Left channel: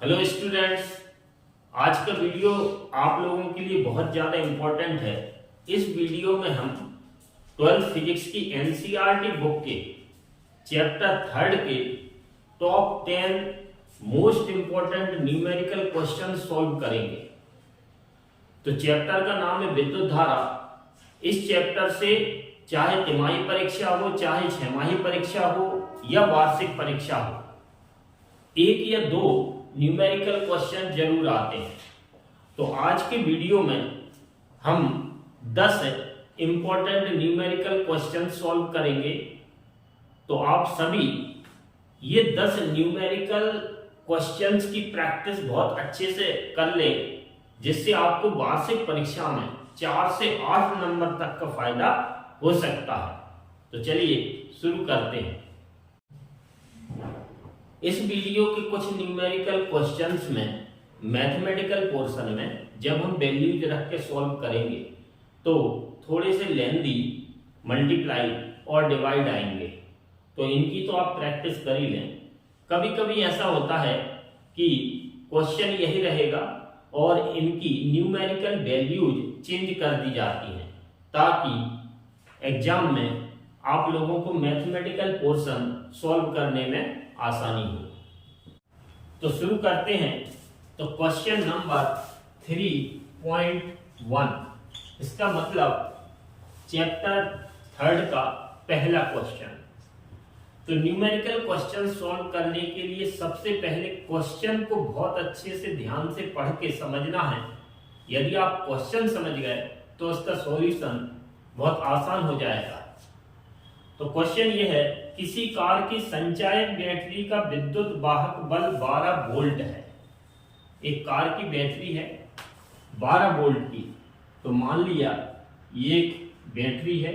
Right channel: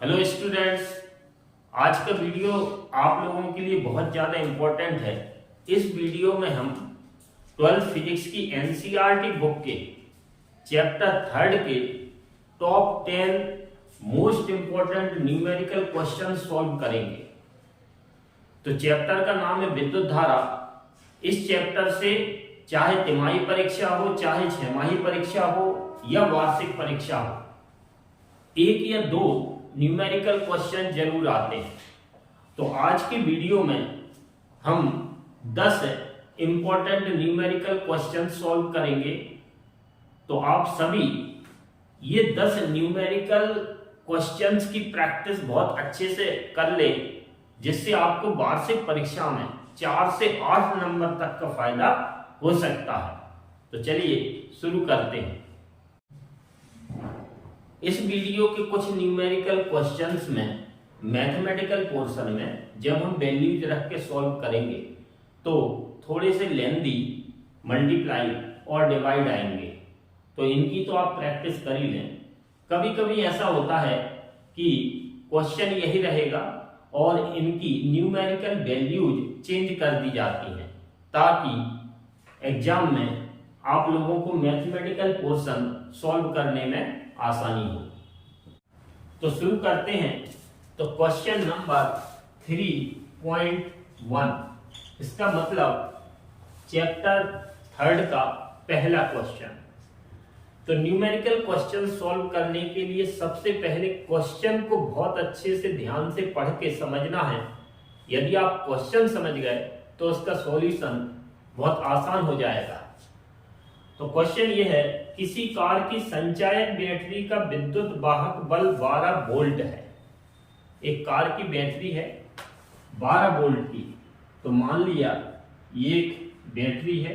Hello students, आज का video आप लोगों के लिए बहुत ज़्यादा इम्पोर्टेंट है। इस वीडियो में हम 12th फिजिक्स की एनसीईआरटी बुक के चैप्टर 3 के top 10 most important numerical question solve करेंगे। तो चैप्टर का नाम है विद्युत धारा। इस चैप्टर से चाहे तिमाही परीक्षा हो, चाहे छमाही परीक्षा हो या वार्षिक परीक्षा हो, एक या दो न्यूमेरिकल क्वेश्चन जरूर आते हैं। तो आज के वीडियो में हम 10 इंपॉर्टेंट न्यूमेरिकल क्वेश्चन सॉल्व करेंगे। तो आप सभी ये 10 न्यूमेरिकल क्वेश्चंस की प्रैक्टिस बहुत अच्छे से कर लें, जिससे आपको वार्षिक परीक्षा में 4 से 8 नंबर तक का फायदा हो सकता है। तो चलिए शुरू करते हैं। इस वीडियो के कुछ न्यूमेरिकल क्वेश्चंस में मैथमेटिकल पोर्शन में जब हम वैल्यूज रख के सॉल्व करेंगे तो थोड़े से लेंदी मल्टीप्लाई और डिवाइड आएंगे, तो इनकी तो आप प्रैक्टिस कर ही लें। कभी कभी ऐसा होता है कि क्वेश्चन यही रहेगा और इनकी न्यूमेरिकल वैल्यूज चेंज कर दी जाती हैं, ताकि एग्जाम में आप लोगों को मैथमेटिकल पोर्शन सॉल्व करने में आसानी हो। तो शुरू करते हैं। तो क्वेश्चन नंबर 3.1, इसका मतलब चैप्टर 3 का पहला क्वेश्चन। तो न्यूमेरिकल क्वेश्चन सॉल्व करने के लिए सबसे पहले क्वेश्चन को बहुत अच्छे से ध्यान से पढ़ के समझना है। यदि आप क्वेश्चन समझ गए तो उसका सॉल्यूशन बहुत आसान हो जाएगा। तो क्वेश्चन यह है, किसी कार की संचायक बैटरी का विद्युत वाहक बल 12 वोल्ट है। एक कार की बैटरी है 12 वोल्ट की। तो मान लिया ये एक बैटरी है,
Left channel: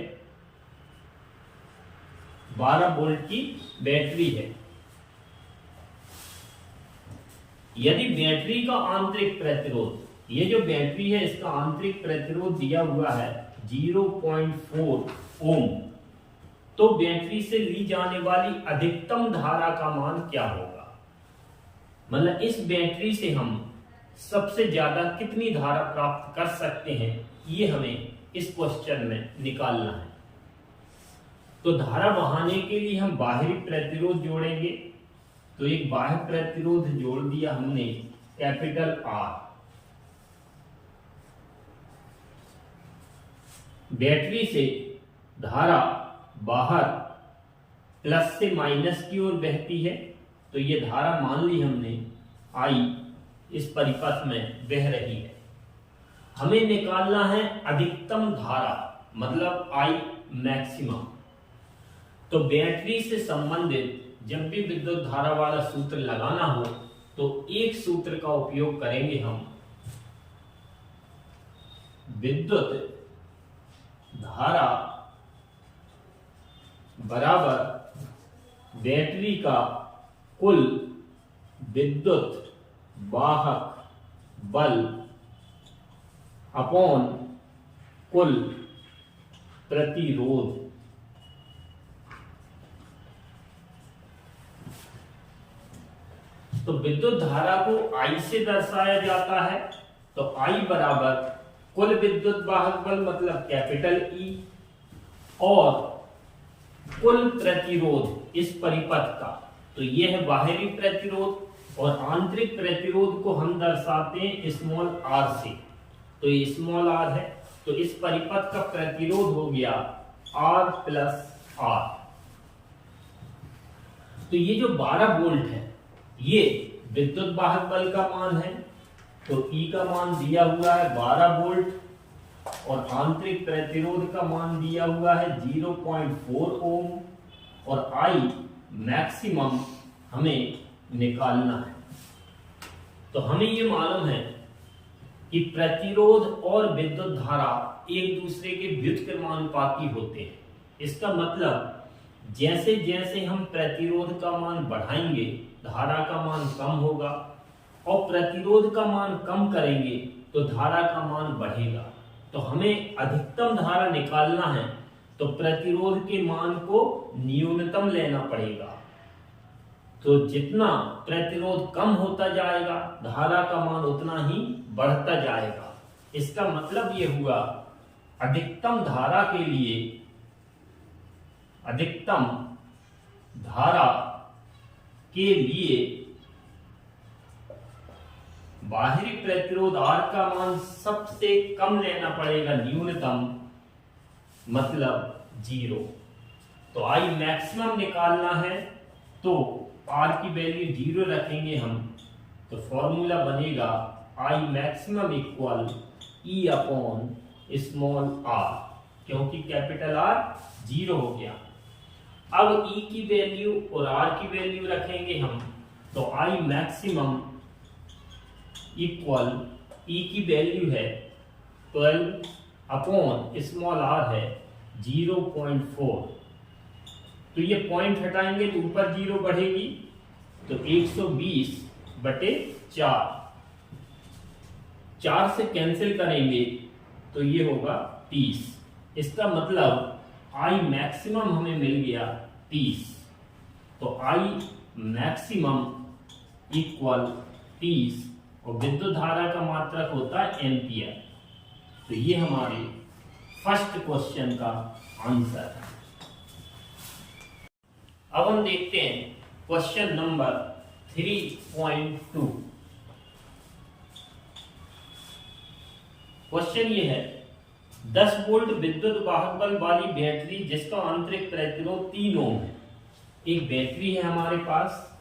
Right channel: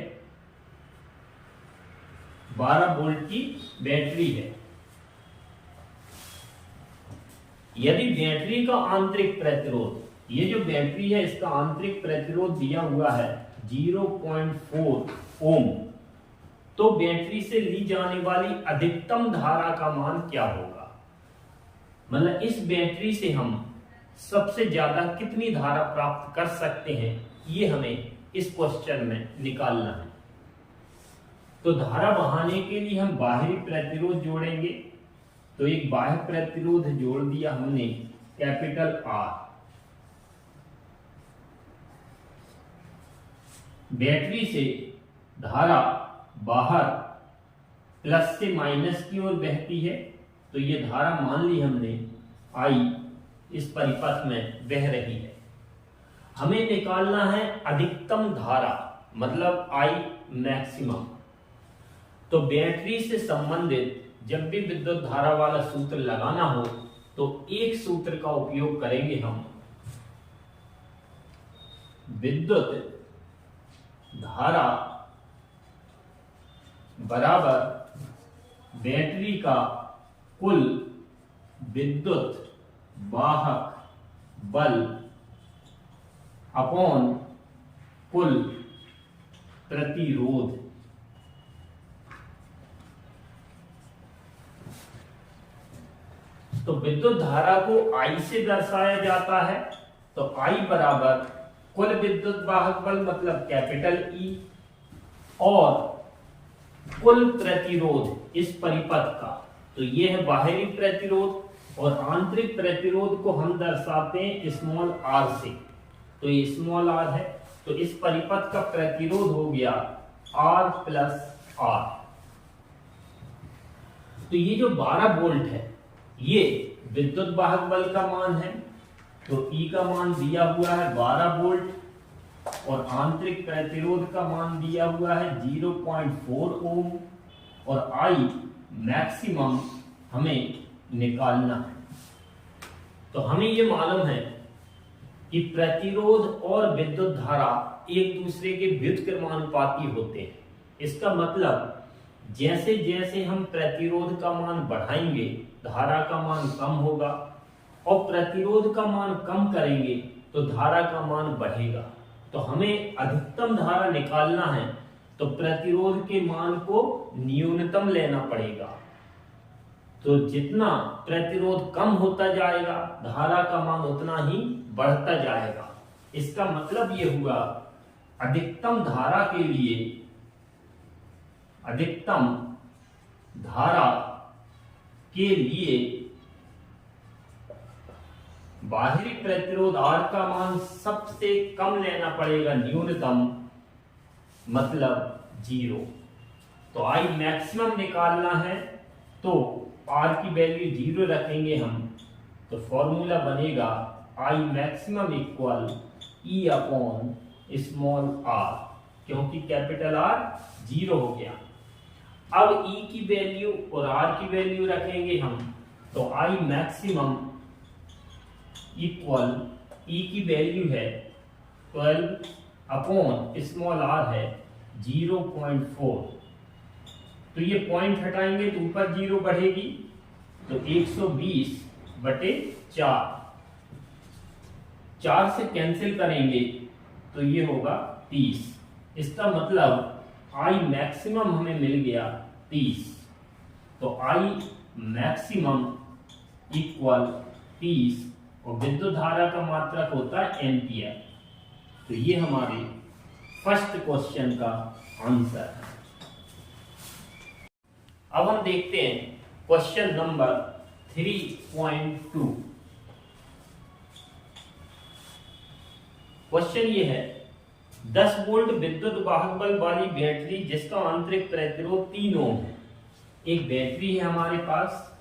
12 वोल्ट की बैटरी है। यदि बैटरी का आंतरिक प्रतिरोध, ये जो बैटरी है इसका आंतरिक प्रतिरोध दिया हुआ है 0.4 ओम, तो बैटरी से ली जाने वाली अधिकतम धारा का मान क्या होगा? मतलब इस बैटरी से हम सबसे ज्यादा कितनी धारा प्राप्त कर सकते हैं, ये हमें इस क्वेश्चन में निकालना है। तो धारा बहाने के लिए हम बाहरी प्रतिरोध जोड़ेंगे। तो एक बाह्य प्रतिरोध जोड़ दिया हमने, कैपिटल R। बैटरी से धारा बाहर प्लस से माइनस की ओर बहती है, तो ये धारा मान ली हमने I इस परिपथ में बह रही है। हमें निकालना है अधिकतम धारा, मतलब I मैक्सिमम। तो बैटरी से संबंधित जब भी विद्युत धारा वाला सूत्र लगाना हो तो एक सूत्र का उपयोग करेंगे हम। विद्युत धारा बराबर बैटरी का कुल विद्युत वाहक बल अपॉन कुल प्रतिरोध। तो विद्युत धारा को I से दर्शाया जाता है। तो I बराबर कुल विद्युत वाहक बल, मतलब कैपिटल E, और कुल प्रतिरोध इस परिपथ का। तो ये है बाहरी प्रतिरोध, और आंतरिक प्रतिरोध को हम दर्शाते हैं स्मॉल r से। तो ये स्मॉल r है, तो इस परिपथ का प्रतिरोध हो गया R प्लस R। तो ये जो 12 वोल्ट है ये विद्युत वाहक बल का मान है। तो E का मान दिया हुआ है 12 वोल्ट और आंतरिक प्रतिरोध का मान दिया हुआ है 0.4 ओम, और I मैक्सिमम हमें निकालना है। तो हमें ये मालूम है कि प्रतिरोध और विद्युत धारा एक दूसरे के व्युत्क्रमानुपाती होते हैं। इसका मतलब जैसे जैसे हम प्रतिरोध का मान बढ़ाएंगे धारा का मान कम होगा, और प्रतिरोध का मान कम करेंगे तो धारा का मान बढ़ेगा। तो हमें अधिकतम धारा निकालना है तो प्रतिरोध के मान को न्यूनतम लेना पड़ेगा। तो जितना प्रतिरोध कम होता जाएगा धारा का मान उतना ही बढ़ता जाएगा। इसका मतलब ये हुआ अधिकतम धारा के लिए, अधिकतम धारा के लिए बाहरी प्रतिरोध R का मान सबसे कम लेना पड़ेगा, न्यूनतम मतलब 0। तो I मैक्सिमम निकालना है तो R की वैल्यू 0 रखेंगे हम, तो फॉर्मूला बनेगा I maximum equal E upon small r, क्योंकि कैपिटल R 0 हो गया। अब E की वैल्यू और R की वैल्यू रखेंगे हम, तो I मैक्सिमम इक्वल E की वैल्यू है 12 अपॉन स्मॉल r है 0.4। तो ये पॉइंट हटाएंगे तो ऊपर 0 बढ़ेगी, तो 120/4, 4 से कैंसिल करेंगे तो ये होगा 30। इसका मतलब I मैक्सिमम हमें मिल गया 30। तो I मैक्सिमम इक्वल 30 और विद्युत धारा का मात्रक होता है एम्पियर। तो ये हमारे फर्स्ट क्वेश्चन का आंसर है। अब हम देखते हैं क्वेश्चन नंबर 3.2। क्वेश्चन ये है 10 वोल्ट विद्युत वाहक बल वाली बैटरी जिसका आंतरिक प्रतिरोध 3 ओम है। एक बैटरी है हमारे पास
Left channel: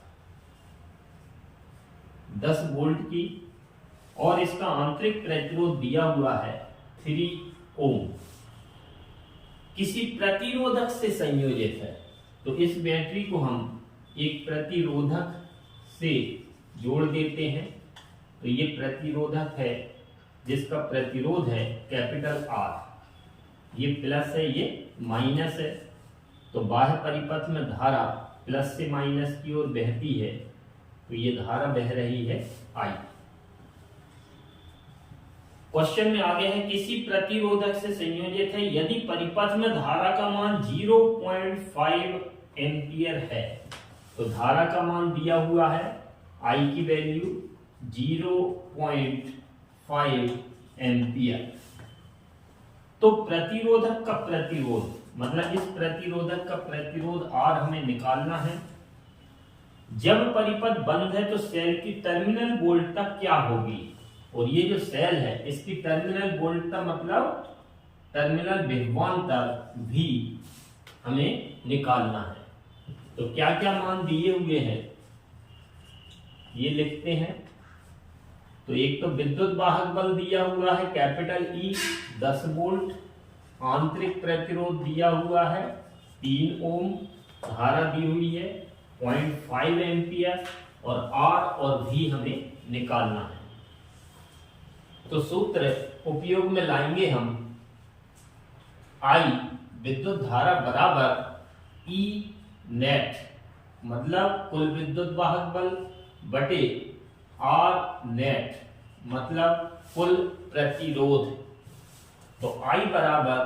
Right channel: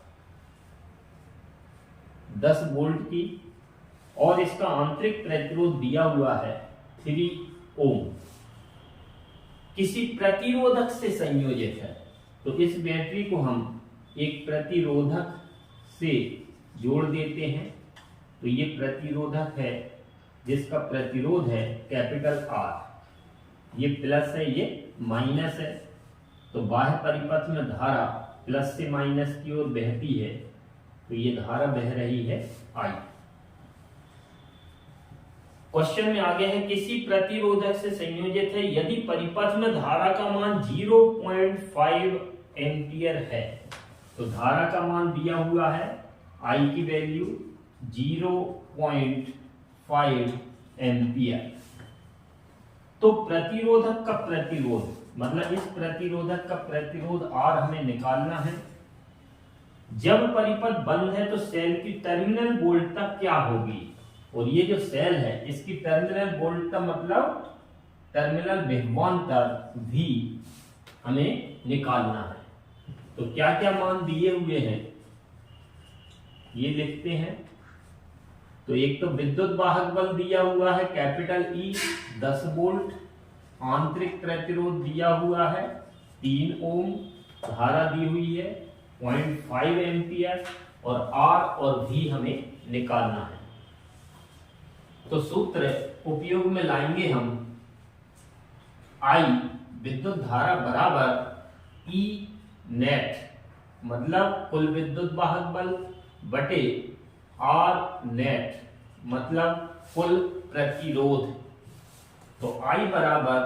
10 वोल्ट की और इसका आंतरिक प्रतिरोध दिया हुआ है 3 ओम, किसी प्रतिरोधक से संयोजित है। तो इस बैटरी को हम एक प्रतिरोधक से जोड़ देते हैं। तो ये प्रतिरोधक है जिसका प्रतिरोध है कैपिटल R, ये प्लस है ये माइनस है। तो बाह्य परिपथ में धारा प्लस से माइनस की ओर बहती है, तो ये धारा बह रही है I। क्वेश्चन में आगे है किसी प्रतिरोधक से संयोजित है यदि परिपथ में धारा का मान 0.5 एम्पियर है। तो धारा का मान दिया हुआ है I की वैल्यू 0.5 एम्पियर। तो प्रतिरोधक का प्रतिरोध मतलब इस प्रतिरोधक का प्रतिरोध R हमें निकालना है। जब परिपथ बंद है तो सेल की टर्मिनल वोल्टता क्या होगी, और ये जो सेल है इसकी टर्मिनल वोल्टता मतलब टर्मिनल विभवांतर भी हमें निकालना है। तो क्या क्या मान दिए हुए हैं ये लिखते हैं। तो एक तो विद्युत वाहक बल दिया हुआ है कैपिटल E 10 वोल्ट, आंतरिक प्रतिरोध दिया हुआ है 3 ओम, धारा दी हुई है 0.5 एम्पियर और R और V हमें निकालना है। तो सूत्र उपयोग में लाएंगे हम I विद्युत धारा बराबर E नेट मतलब कुल विद्युत वाहक बल बटे R नेट मतलब कुल प्रतिरोध। तो I बराबर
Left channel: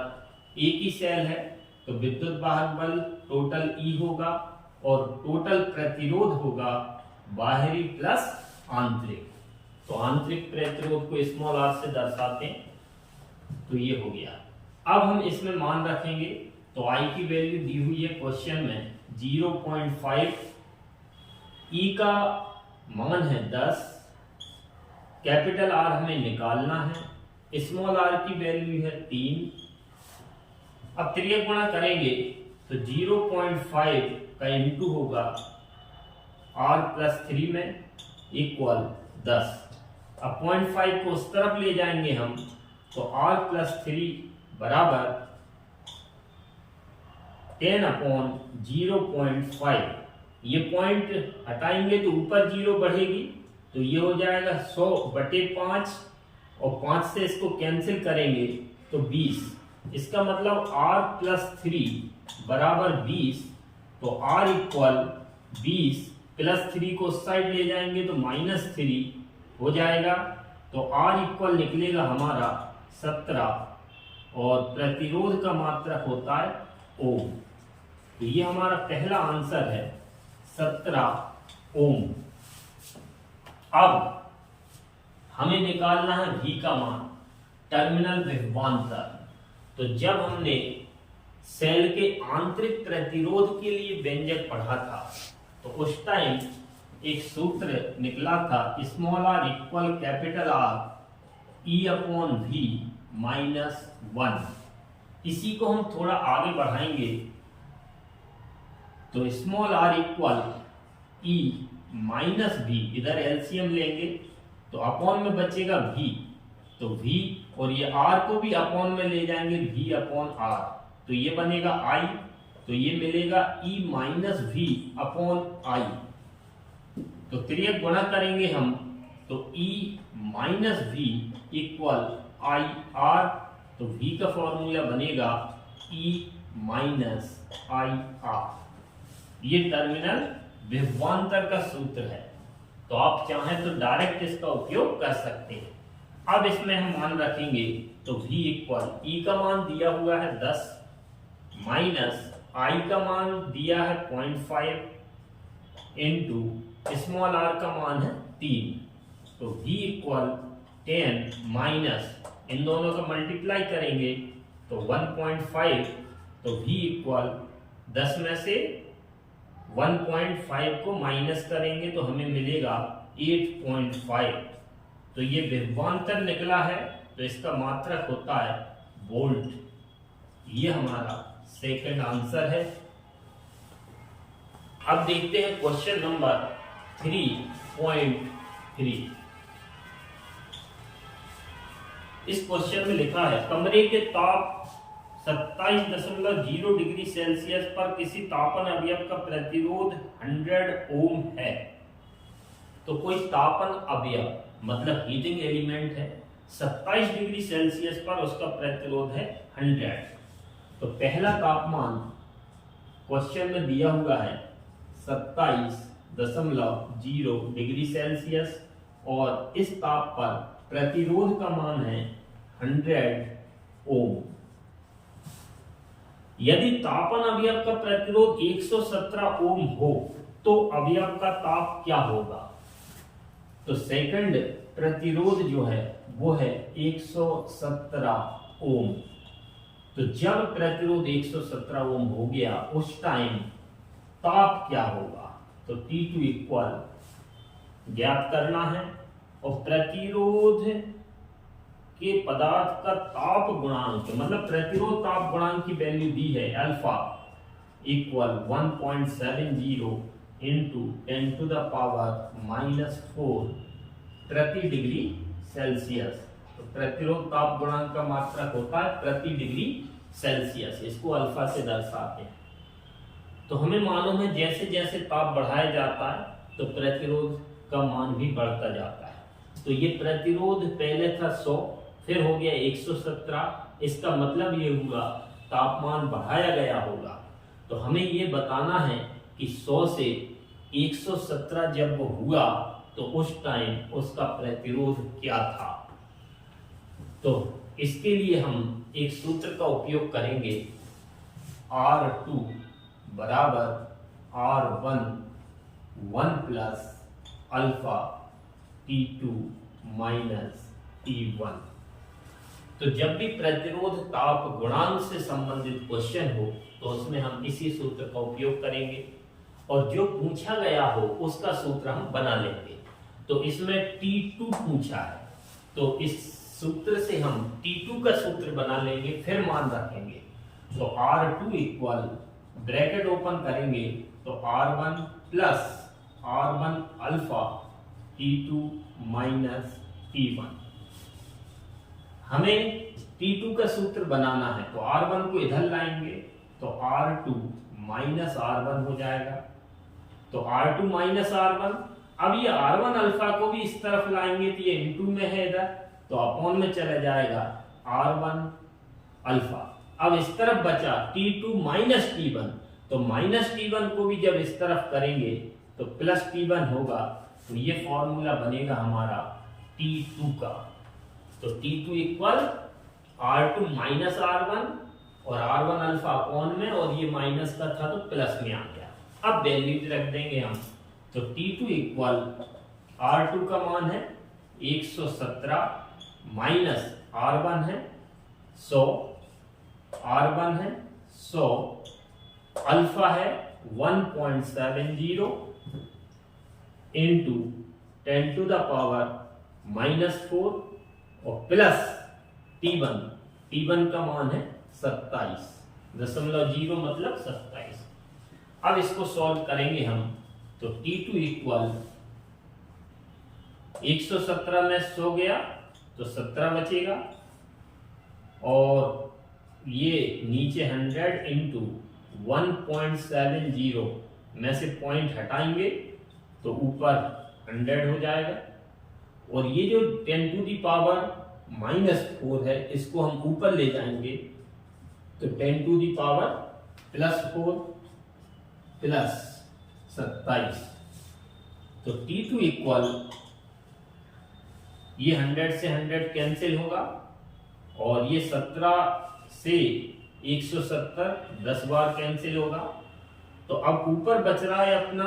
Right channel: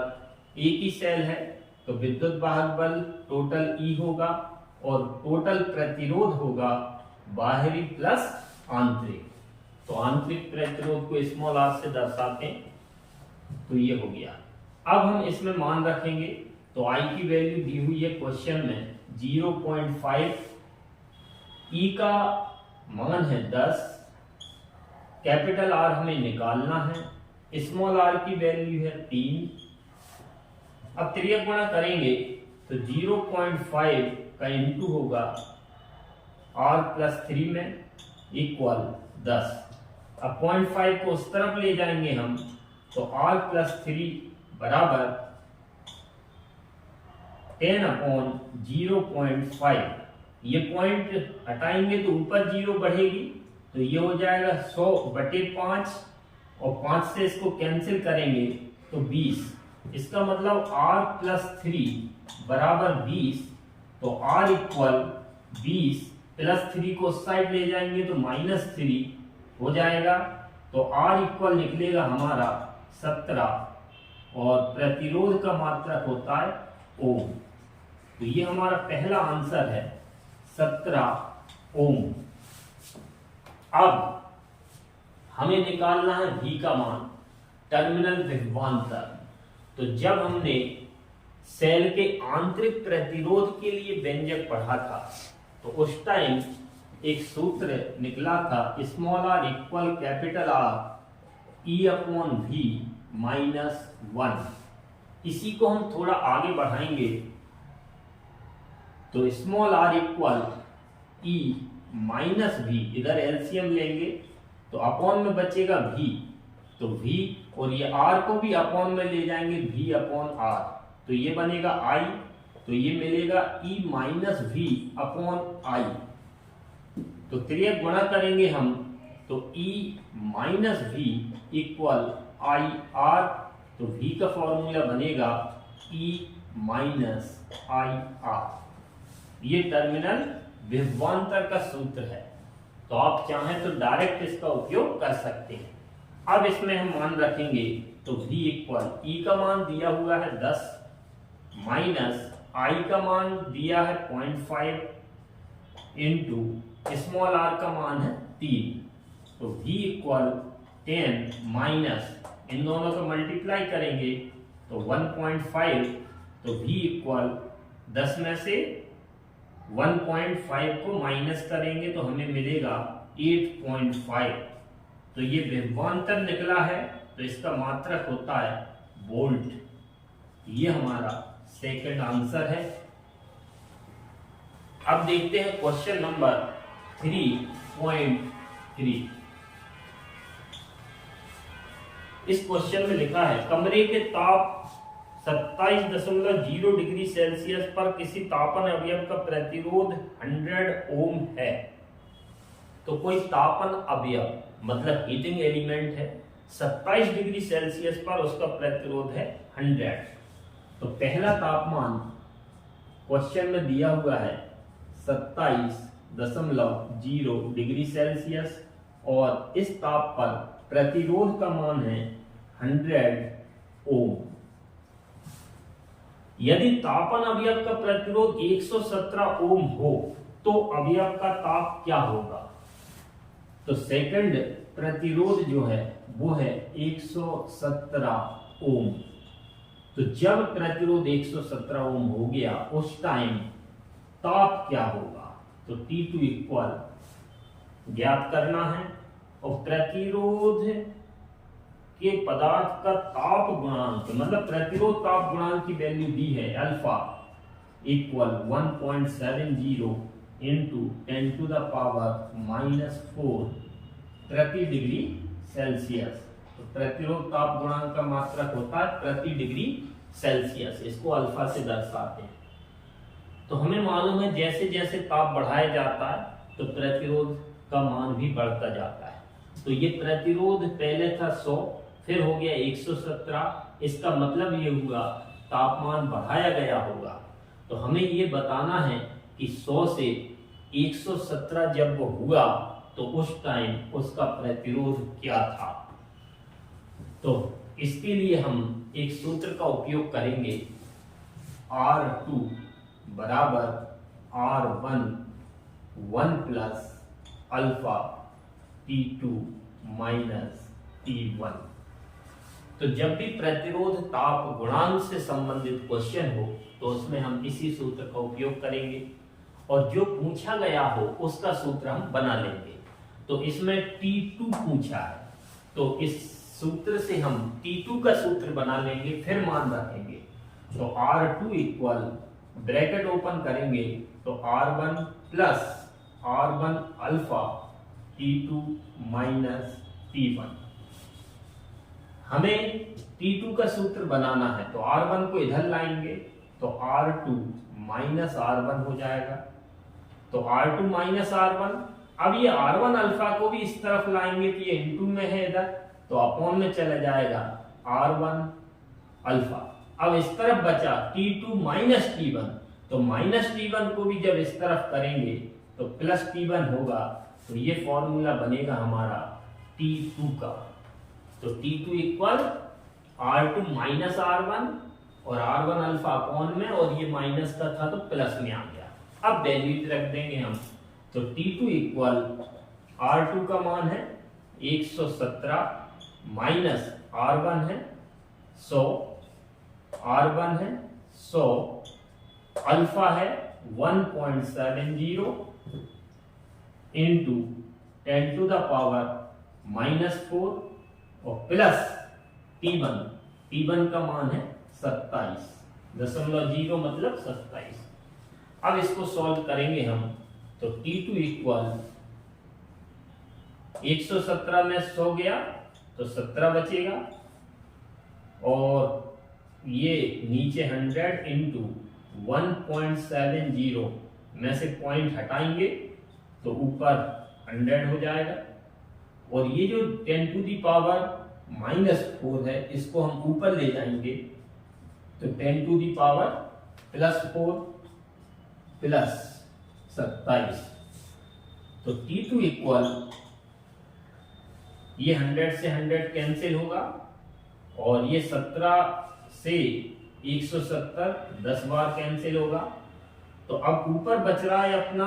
एक ही सेल है तो विद्युत वाहक बल टोटल E होगा और टोटल प्रतिरोध होगा बाहरी प्लस आंतरिक। तो आंतरिक प्रतिरोध को स्मॉल r से दर्शाते हैं, तो ये हो गया। अब हम इसमें मान रखेंगे तो I की वैल्यू दी हुई है क्वेश्चन में 0.5, E का मान है 10, कैपिटल R हमें निकालना है, स्मॉल r की वैल्यू है 3। अब त्रियक गुणा करेंगे तो 0.5 का इंटू होगा R प्लस 3 में इक्वल 10। अब 0.5 को उस तरफ ले जाएंगे हम तो R प्लस 3 बराबर 10/0.5। ये पॉइंट हटाएंगे तो ऊपर 0 बढ़ेगी, तो ये हो जाएगा 100/5 और 5 से इसको कैंसिल करेंगे तो 20। इसका मतलब R प्लस 3 बराबर 20। तो R इक्वल 20 प्लस 3 को उस साइड ले जाएंगे तो -3 हो जाएगा। तो R इक्वल निकलेगा हमारा 17 और प्रतिरोध का मात्रक होता है ओम। तो ये हमारा पहला आंसर है 17 ओम। अब हमें निकालना है V का मान, टर्मिनल विभवांतर। तो जब हमने सेल के आंतरिक प्रतिरोध के लिए व्यंजक पढ़ा था तो उस टाइम एक सूत्र निकला था small r equal capital R E upon V minus 1। इसी को हम थोड़ा आगे बढ़ाएंगे तो small r equal E minus V, इधर एलसीएम लेंगे तो अपॉन में बचेगा V, तो V और ये R को भी अपॉन में ले जाएंगे V अपॉन R, तो ये बनेगा I, तो ये मिलेगा E minus V upon I। तो त्रियक गुणा करेंगे हम तो E minus V equal I R, तो V का फॉर्मूला बनेगा E माइनस I R। ये टर्मिनल विभवांतर का सूत्र है, तो आप चाहें तो डायरेक्ट इसका उपयोग कर सकते हैं। अब इसमें हम मान रखेंगे तो V इक्वल E का मान दिया हुआ है 10 माइनस I का मान दिया है 0.5 इंटू स्मॉल r का मान है 3, तो V इक्वल 10 माइनस इन दोनों का मल्टीप्लाई करेंगे तो 1.5, तो V इक्वल 10 में से 1.5 को माइनस करेंगे तो हमें मिलेगा 8.5। तो ये विभवांतर निकला है, तो इसका मात्रक होता है वोल्ट। ये हमारा सेकंड आंसर है। अब देखते हैं क्वेश्चन नंबर 3.3। इस क्वेश्चन में लिखा है कमरे के ताप 27.0 डिग्री सेल्सियस पर किसी तापन अवयव का प्रतिरोध 100 ओम है। तो कोई तापन अवयव मतलब हीटिंग एलिमेंट है, 27 डिग्री सेल्सियस पर उसका प्रतिरोध है 100। तो पहला तापमान क्वेश्चन में दिया हुआ है 27.0 डिग्री सेल्सियस और इस ताप पर प्रतिरोध का मान है 100 ओम। यदि तापन अवयव का प्रतिरोध 117 ओम हो तो अवयव का ताप क्या होगा। तो सेकंड प्रतिरोध जो है वो है 117 ओम। तो जब प्रतिरोध 117 ओम हो गया उस टाइम ताप क्या होगा, तो T2 इक्वल ज्ञात करना है और प्रतिरोध के पदार्थ का ताप गुणांक मतलब प्रतिरोध ताप गुणांक की वैल्यू दी है अल्फा इक्वल 1.70 इंटू 10⁻⁻⁴ प्रति डिग्री सेल्सियस। तो प्रतिरोध ताप गुणांक का मात्रक होता है प्रति डिग्री सेल्सियस, इसको अल्फा से दर्शाते हैं। तो हमें मालूम है जैसे जैसे ताप बढ़ाया जाता है तो प्रतिरोध का मान भी बढ़ता जाता है। तो ये प्रतिरोध पहले था 100, फिर हो गया 117, इसका मतलब ये हुआ तापमान बढ़ाया गया होगा। तो हमें ये बताना है कि 100 से 117 जब वो हुआ तो उस टाइम उसका प्रतिरोध क्या था। तो इसके लिए हम एक सूत्र का उपयोग करेंगे, R2 बराबर R1 1 plus alpha T2 minus T1। तो जब भी प्रतिरोध ताप गुणांक से संबंधित क्वेश्चन हो तो उसमें हम इसी सूत्र का उपयोग करेंगे और जो पूछा गया हो उसका सूत्र हम बना लेंगे। तो इसमें T2 पूछा है तो इस सूत्र से हम T2 का सूत्र बना लेंगे, फिर मान रखेंगे। तो R2 इक्वल ब्रैकेट ओपन करेंगे तो R1 plus R1 alpha T2 minus T1। हमें T2 का सूत्र बनाना है तो R1 को इधर लाएंगे तो R2 माइनस R1 हो जाएगा। तो R2 माइनस R1, अब ये R1 अल्फा को भी इस तरफ लाएंगे तो ये इनटू में है इधर, तो अपॉन में चला जाएगा R1 अल्फा। अब इस तरफ बचा T2 माइनस T1, तो माइनस T1 को भी जब इस तरफ करेंगे तो प्लस T1 होगा, तो ये फॉर्मूला बनेगा हमारा T2 का। तो T2 equal R2 minus R1 और R1 अल्फा अपॉन में, और ये माइनस का था तो प्लस में आ गया। अब वैल्यू रख देंगे हम तो T2 इक्वल R2 का मान है 117 माइनस R1 है 100, R1 है 100, अल्फा है 1.70 इंटू 10 टू द पावर -4 और प्लस T1 का मान है 27.0 मतलब 27। अब इसको सॉल्व करेंगे हम, तो T2 इक्वल 117 में 100 गया तो 17 बचेगा, और ये नीचे 100 इंटू 1.70 में से पॉइंट हटाएंगे तो ऊपर 100 हो जाएगा, और ये जो 10 टू दी पावर -4 है इसको हम ऊपर ले जाएंगे तो 10 टू दी पावर +4 प्लस 27। तो T2 इक्वल ये 100 से 100 कैंसिल होगा, और ये 17 से 170 10 बार कैंसिल होगा। तो अब ऊपर बच रहा है अपना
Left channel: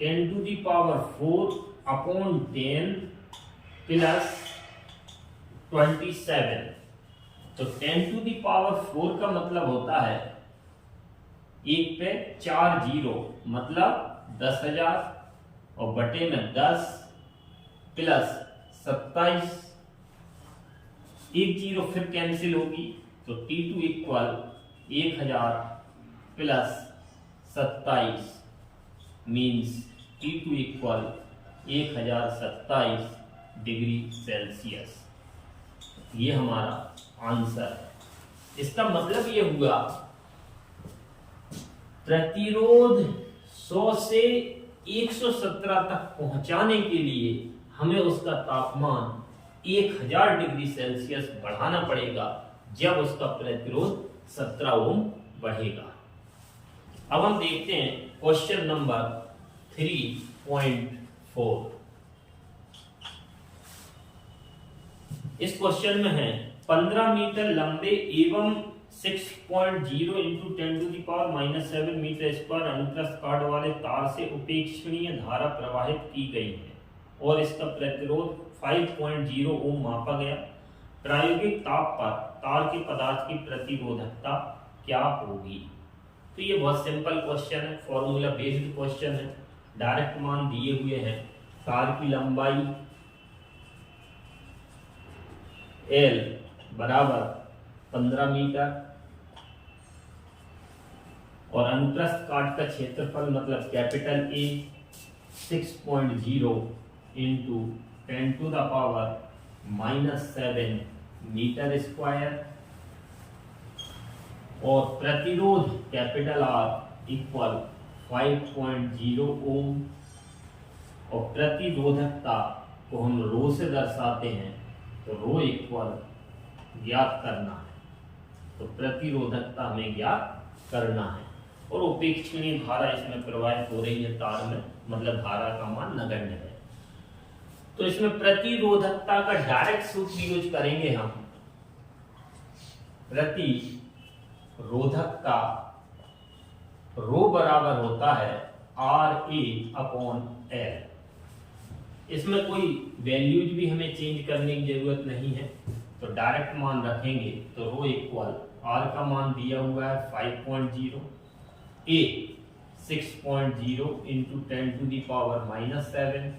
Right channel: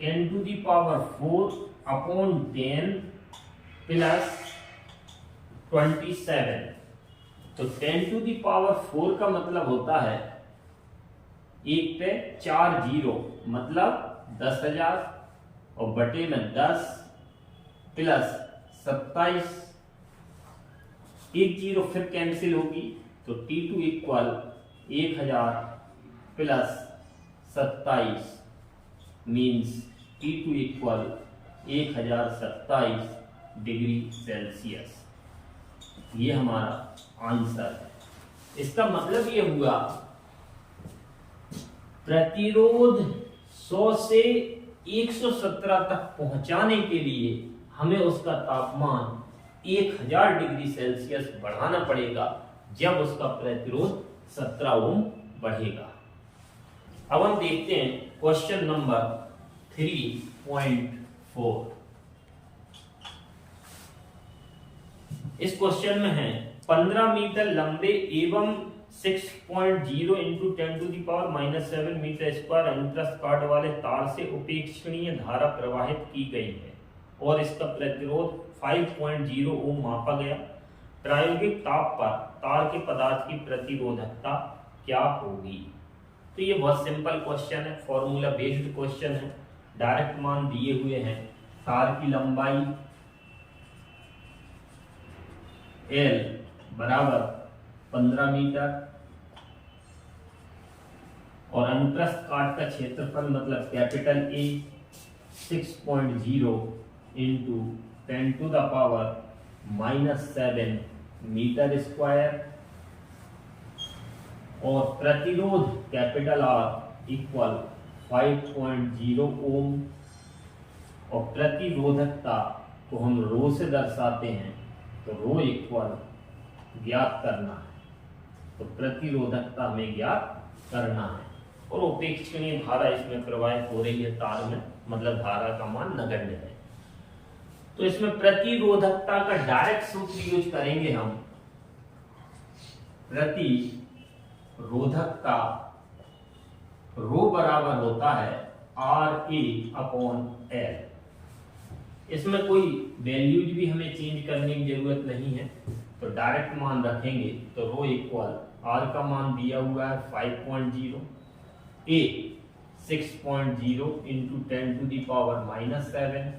10 to the power 4 upon 10 plus 27। तो 10 टू दी पावर 4 का मतलब होता है एक पे 4 जीरो मतलब 10,000 और बटे में 10 प्लस 27, एक जीरो फिर कैंसिल होगी तो T2 equal 1000 plus 27 means T2 equal 1027 degree Celsius. ये हमारा आंसर है। इसका मतलब ये हुआ प्रतिरोध 100 से 117 तक पहुंचाने के लिए हमें उसका तापमान 1000 डिग्री सेल्सियस बढ़ाना पड़ेगा, जब उसका प्रतिरोध 17 ओम बढ़ेगा। अब हम देखते हैं क्वेश्चन नंबर 3.4। इस क्वेश्चन में है 15 मीटर लंबे एवं 6.0 into 10 to the power -7 metre square अनुप्रस्थ काट वाले तार से उपेक्षणीय धारा प्रवाहित की गई है और इसका प्रतिरोध 5.0 ओम मापा गया। प्रायोगिक ताप पर तार के पदार्थ की प्रतिरोधकता क्या होगी? तो ये बहुत सिंपल क्वेश्चन है, फॉर्मूला बेस्ड क्वेश्चन है। डायरेक्ट मान दिए हुए हैं। तार की लंबाई L बराबर 15 मीटर और अनुप्रस्थ काट का क्षेत्रफल मतलब capital A 6.0 into 10 to the power -7 metre square, और प्रतिरोध कैपिटल R इक्वल 5.0 ओम, और प्रतिरोधकता को हम रो से दर्शाते हैं तो रो इक्वल ज्ञात करना है। तो प्रतिरोधकता हमें ज्ञात करना है, और उपेक्षणीय धारा इसमें प्रवाहित हो रही है तार में, मतलब धारा का मान नगण्य है। तो इसमें प्रतिरोधकता का डायरेक्ट सूत्र यूज करेंगे हम। प्रतिरोधकता रो बराबर होता है RA अपॉन L। इसमें कोई वैल्यूज भी हमें चेंज करने की जरूरत नहीं है, तो डायरेक्ट मान रखेंगे तो रो इक्वल R का मान दिया हुआ है 5.0, A 6.0 into 10 to the power -7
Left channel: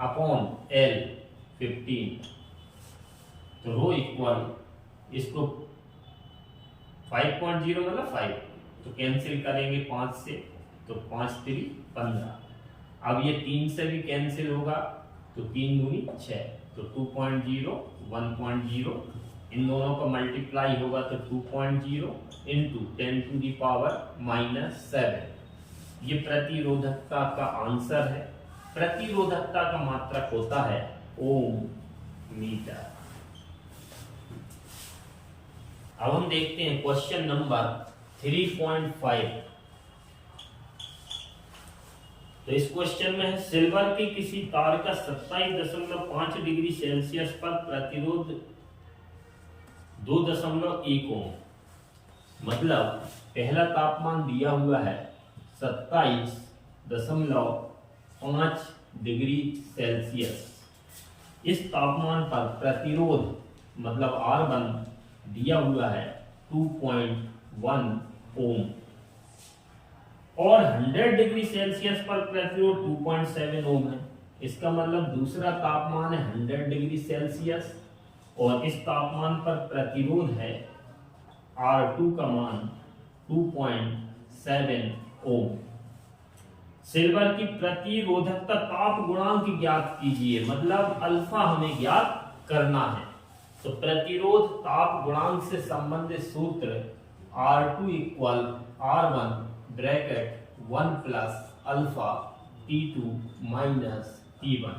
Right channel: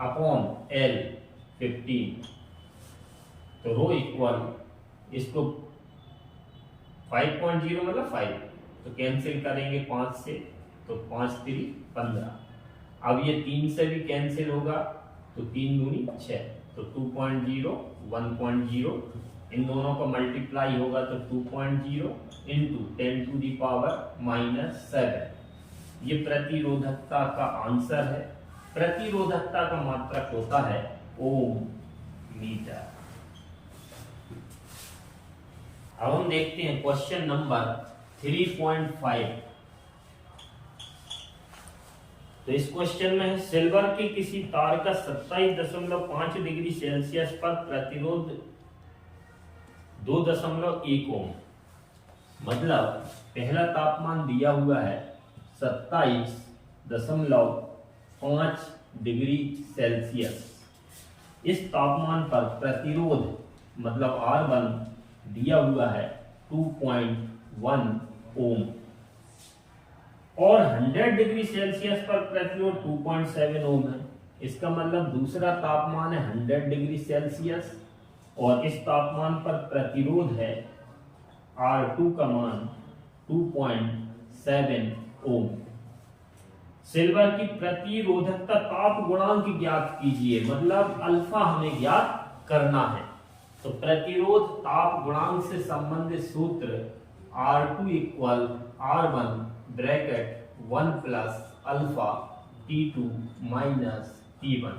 upon L 15। तो रो इक्वल इसको 5.0 मतलब 5, तो कैंसिल करेंगे 5 से, तो 5 3 15। अब ये 3 से भी कैंसिल होगा तो 3 दूनी 6, तो 2.0 1.0, इन दोनों का मल्टीप्लाई होगा तो 2.0 इंटू 10 टू दी पावर -7। ये प्रतिरोधकता का आंसर है। प्रतिरोधकता का मात्रक होता है ओम मीटर। अब हम देखते हैं क्वेश्चन नंबर 3.5। तो इस क्वेश्चन में है सिल्वर के किसी तार का 27.5 डिग्री सेल्सियस पर प्रतिरोध 2.1 ओम, मतलब पहला तापमान दिया हुआ है 27.5 5 डिग्री सेल्सियस। इस तापमान पर प्रतिरोध मतलब R1 दिया हुआ है 2.1 ओम और 100 डिग्री सेल्सियस पर प्रतिरोध 2.7 ओम है। इसका मतलब दूसरा तापमान है 100 डिग्री सेल्सियस और इस तापमान पर प्रतिरोध है R2 का मान 2.7 ओम। सिल्वर की प्रतिरोधकता ताप गुणांक ज्ञात कीजिए, मतलब अल्फा हमें ज्ञात करना है। तो प्रतिरोध ताप गुणांक से संबंधित सूत्र R2 equal R1 bracket 1 plus alpha T2 minus T1।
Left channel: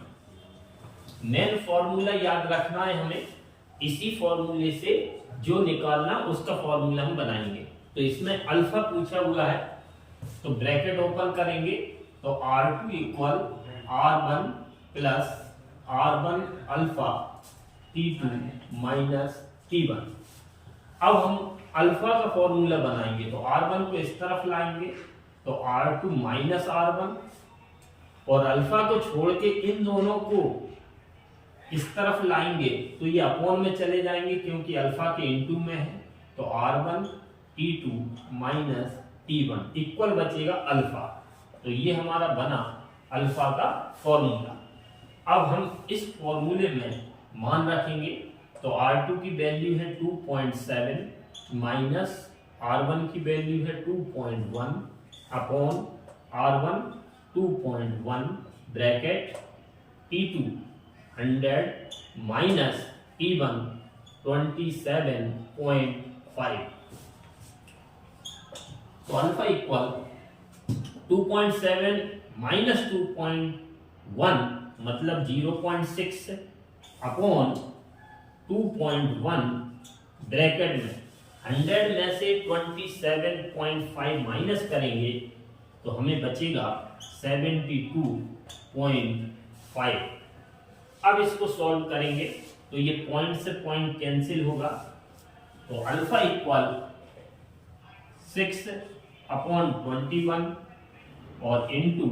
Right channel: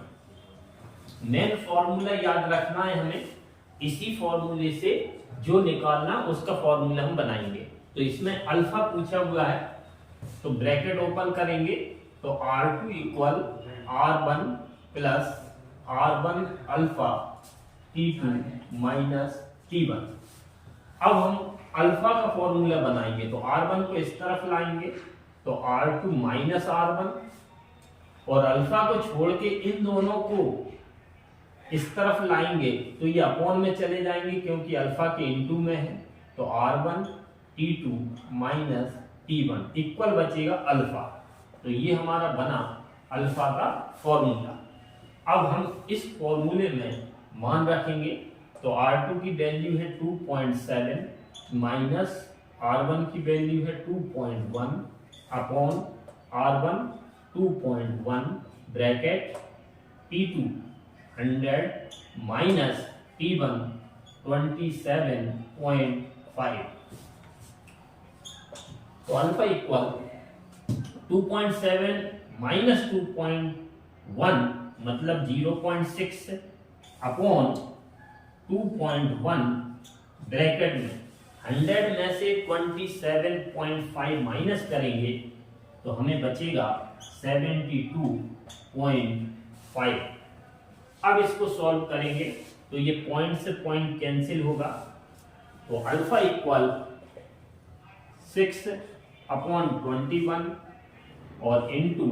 Main formula याद रखना है हमें, इसी फॉर्मूले से जो निकालना उसका फॉर्मूला हम बनाएंगे। तो इसमें अल्फा पूछा हुआ है तो ब्रैकेट ओपन करेंगे तो R2 equal R1 plus R1 alpha T2 minus T1। अब हम अल्फा का फॉर्मूला बनाएंगे तो R1 को इस तरफ लाएंगे तो R2 माइनस R1 और अल्फा को छोड़ के इन दोनों को इस तरफ लाएंगे तो ये अपॉन में चले जाएंगे क्योंकि अल्फा के इनटू में है। तो R1 T2 minus T1 equal बचेगा अल्फा। तो ये हमारा बना अल्फा का फॉर्मूला। अब हम इस फॉर्मूले में मान रखेंगे तो R2 की वैल्यू है 2.7 माइनस R1 की वैल्यू है 2.1 upon R1 2.1 bracket T2 100 minus T1 27.5। तो अल्फा इक्वल 2.7 माइनस 2.1 मतलब 0.6 अपॉन 2.1 ब्रैकेट में 100 में से 27.5 माइनस करेंगे तो हमें बचेगा 72.5। अब इसको सॉल्व करेंगे तो ये पॉइंट से पॉइंट कैंसिल होगा तो अल्फा इक्वल 6 अपॉन 21 और इंटू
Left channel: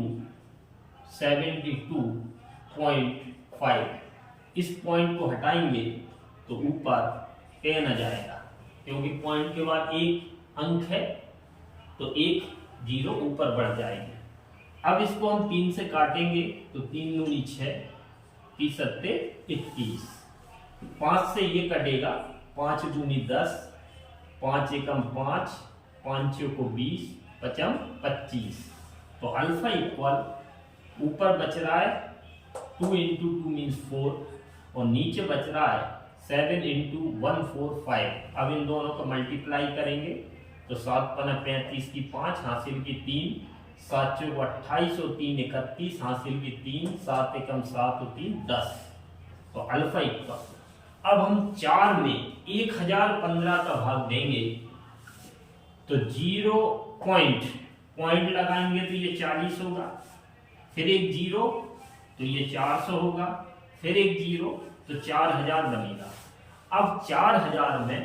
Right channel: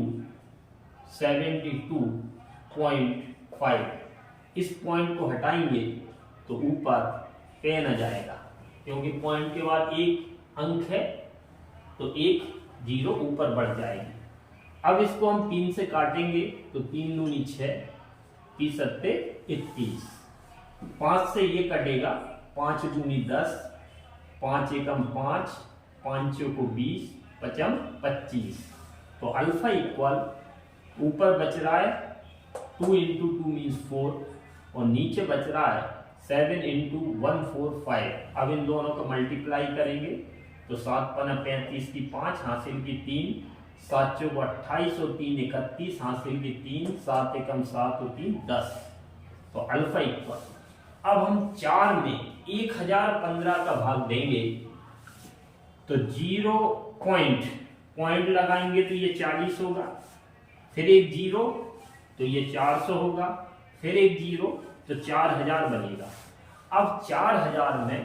72.5। इस पॉइंट को हटाएंगे तो ऊपर 10 आ जाएगा क्योंकि पॉइंट के बाद एक अंक है तो एक जीरो ऊपर बढ़ जाएगी। अब इसको हम 3 से काटेंगे तो 3 दूनी 6 30 सत्ते 21। 5 से ये कटेगा 5 दूनी 10 5 एकम 5 5 को 20 पचम 25। तो अल्फा इक्वल ऊपर बच रहा है 2 इंटू 2 मीन्स 4 और नीचे बच रहा है 7 इंटू 145। अब इन दोनों को मल्टीप्लाई करेंगे तो 7 पना 35 की 5 हासिल की 3 7 चौक 28 और 3 31 हासिल की 3 7 एकम 7 और 3 10। तो अल्फा इक्वल अब हम 4 में 1015 का भाग देंगे तो 0 पॉइंट लगाएंगे तो ये 40 होगा, फिर एक जीरो तो ये 400 होगा, फिर एक जीरो तो 4000 बनेगा। अब 4000 में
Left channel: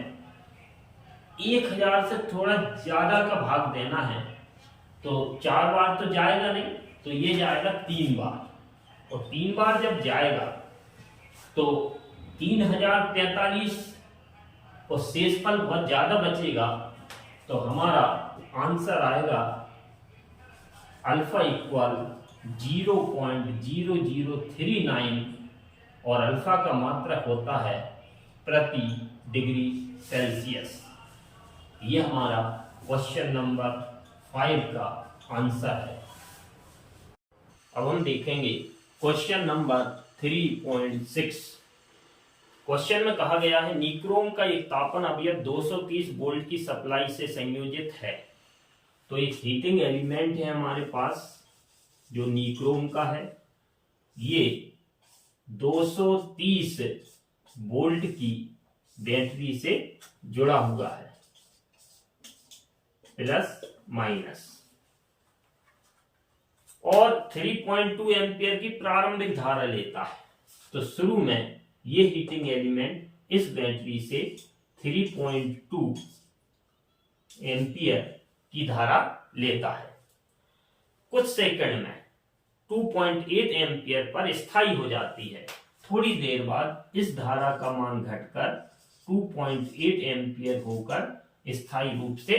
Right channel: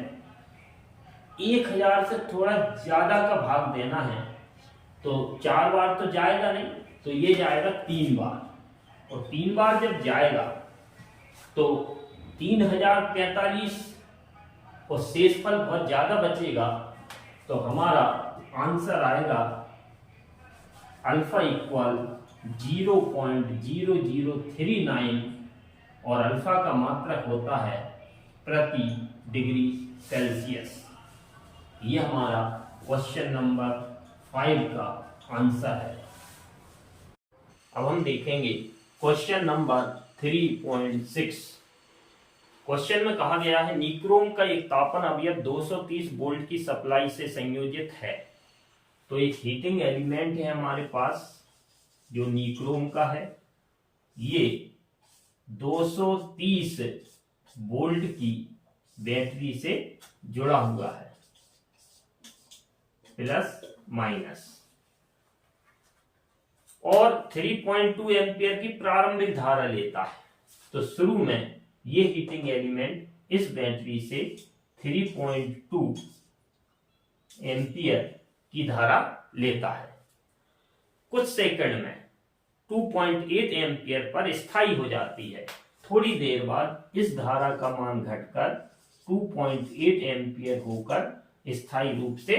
1000 से थोड़ा ज्यादा का भाग देना है तो 4 बार तो जाएगा नहीं तो ये जाएगा 3 बार और 3 बार जब जाएगा तो 3045 और शेषफल बहुत ज्यादा बचेगा तो हमारा आंसर आएगा अल्फा इक्वल 0.0039 और अल्फा का मात्रक होता है प्रति डिग्री सेल्सियस। ये हमारा क्वेश्चन नंबर 5 का आंसर है। अब हम देखेंगे क्वेश्चन नंबर 3.6। क्वेश्चन में कहा गया है निक्रोम का एक तापन अवयव 230 वोल्ट की सप्लाई से संयोजित है। तो एक हीटिंग एलिमेंट है हमारे पास जो निक्रोम का है, ये 230 वोल्ट की बैटरी से जुड़ा हुआ है प्लस माइनस और 3.2 एम्पियर की प्रारंभिक धारा लेता है। तो शुरू में ये हीटिंग एलिमेंट इस बैटरी से 3.2 एम्पियर की धारा लेता है। कुछ सेकंड में 2.8 एम्पियर पर स्थायी हो जाती है। थोड़ी देर बाद इस धारा का मान घटकर 2.8 एम्पियर होकर स्थायी रूप से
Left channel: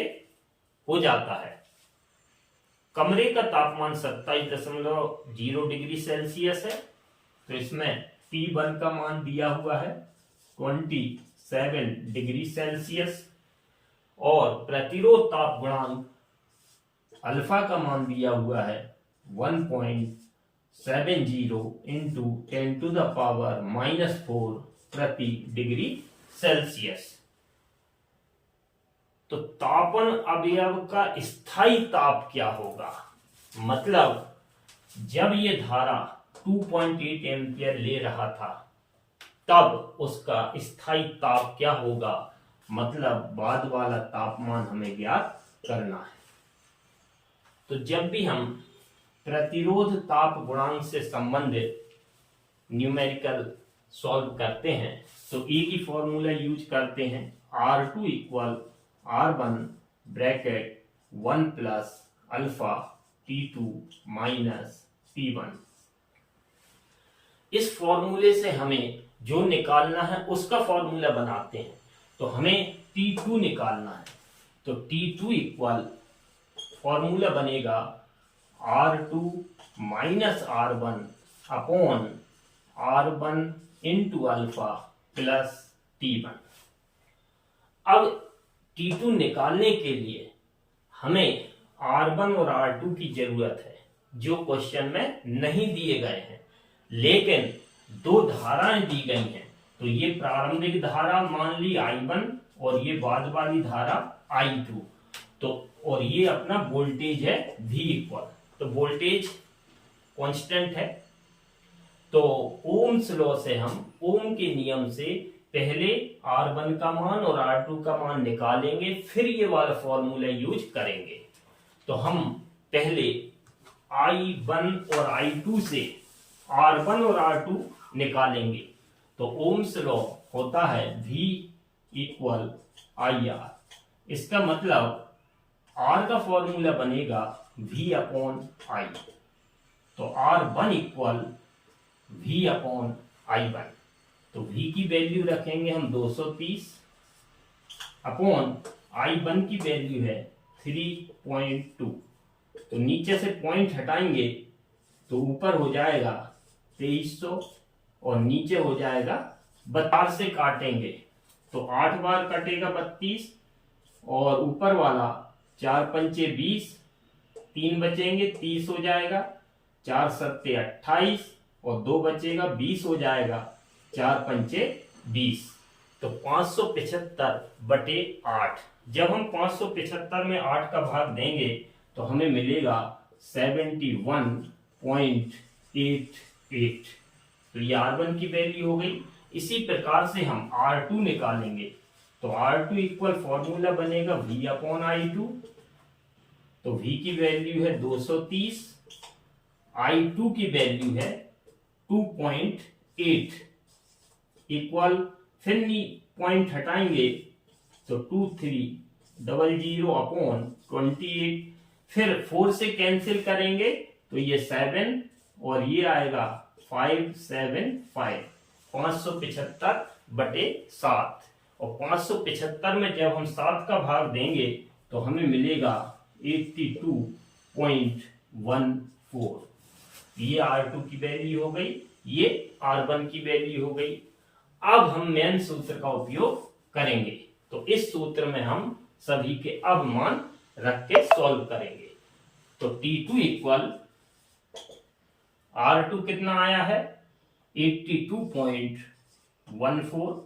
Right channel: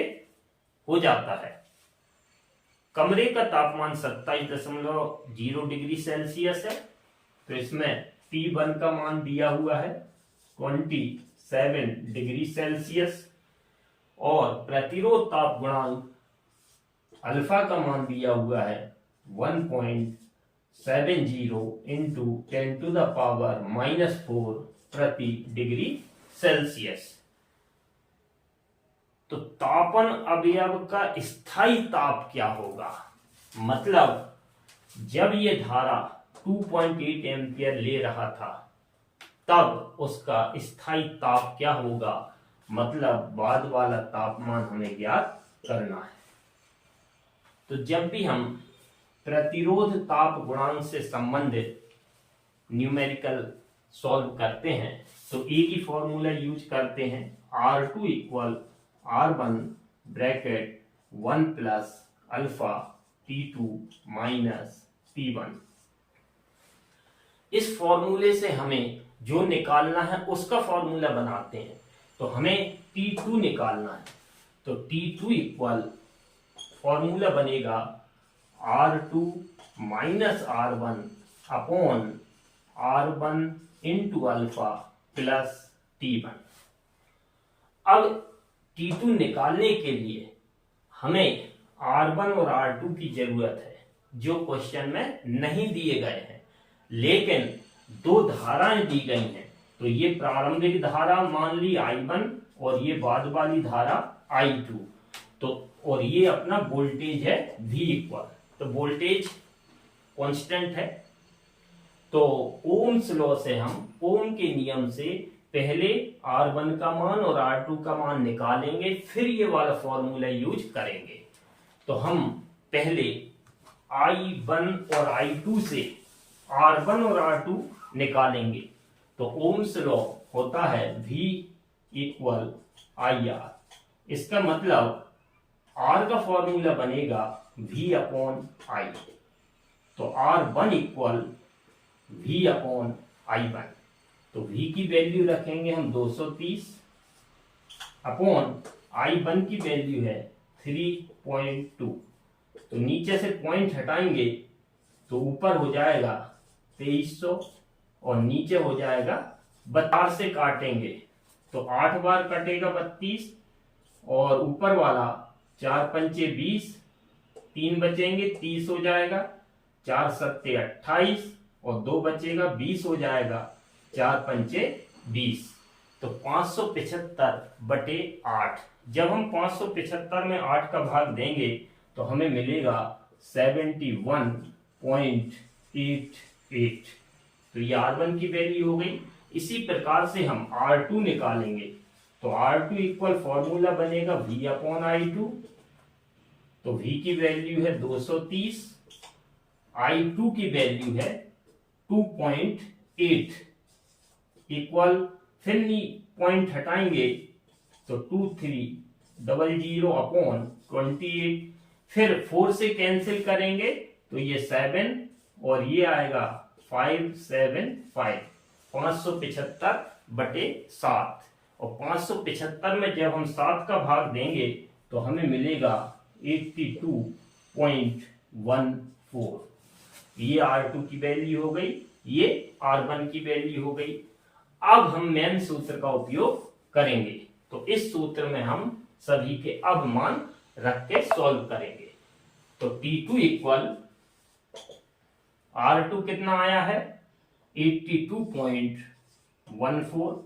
हो जाता है। कमरे का तापमान 27.0 डिग्री सेल्सियस है। तो इसमें T1 का मान दिया हुआ है 27 डिग्री सेल्सियस और प्रतिरोध ताप गुणांक अल्फा का मान दिया हुआ है 1.70 इंटू 10⁻⁻⁴ प्रति डिग्री सेल्सियस। तो तापन अवयव का स्थायी ताप क्या होगा? मतलब जब ये धारा 2.8 एम्पियर ले रहा था तब उसका स्थायी ताप क्या होगा, मतलब बाद वाला तापमान हमें ज्ञात करना है। तो जब भी हम प्रतिरोध ताप गुणांक से संबंधित न्यूमेरिकल सॉल्व करते हैं तो ए की फॉर्मूला यूज करते हैं R2 equal R1 bracket 1 plus alpha T2 minus T1। इस फॉर्मूले से हमें जो निकालना है उसका फॉर्मूला बनाते हैं। तो हमें T2 निकालना है। तो T2 इक्वल फॉर्मूला बनेगा R2 minus R1 upon R1 into alpha plus T1। अब T2 निकालने के लिए हमें R1 और R2 की जरूरत है जो क्वेश्चन में नहीं दिए गए हैं, लेकिन दो धाराएं दी गई हैं। तो ये प्रारंभिक धारा मान ली I1 और ये बाद वाली धारा I2। तो और ये अपना वोल्टेज है V इक्वल, तो वोल्टेज कांस्टेंट है। तो ओम्स लॉ से हम ओम के नियम से पहले R1 का मान और R2 का मान निकालेंगे, फिर ये वाला फॉर्मूला यूज करेंगे। तो हम पहले I1 और I2 से R1 और R2 निकालेंगे। तो ओम्स लॉ होता है V इक्वल IR। इसका मतलब R का फॉर्मूला बनेगा V अपॉन I। तो R1 equal V upon I1। तो V की वैल्यू रखेंगे हम 230 अपॉन I1 की वैल्यू है 3.2। तो नीचे से पॉइंट हटाएंगे तो ऊपर हो जाएगा 2300 और नीचे हो जाएगा 4 से काटेंगे तो 8 बार कटेगा 32 और ऊपर वाला 4 पंचे 20, 3 बचेंगे 30 हो जाएगा, 4 सत्ते 28 और 2 बचेगा 20 हो जाएगा, 4 पंचे 20। तो 575/8। जब हम 575 में 8 का भाग देंगे तो हमें मिलेगा 71.88। तो ये R1 की वैल्यू हो गई। इसी प्रकार से हम R2 निकालेंगे। तो R2 इक्वल फॉर्मूला बनेगा V अपॉन I2। तो V की वैल्यू है 230, I2 की वैल्यू है 2.8 इक्वल, फिर पॉइंट हटाएंगे तो 2300 अपॉन 28, फिर 4 से कैंसिल करेंगे तो ये 7 और ये आएगा 575, 575/7। और 575 में जब हम 7 का भाग देंगे तो हमें मिलेगा 82.14। ये R2 की वैल्यू हो गई, ये R1 की वैल्यू हो गई। अब हम मेन सूत्र का उपयोग करेंगे। तो इस सूत्र में हम सभी के अब मान रख के सॉल्व करेंगे। तो T2 इक्वल R2 कितना आया है 82.14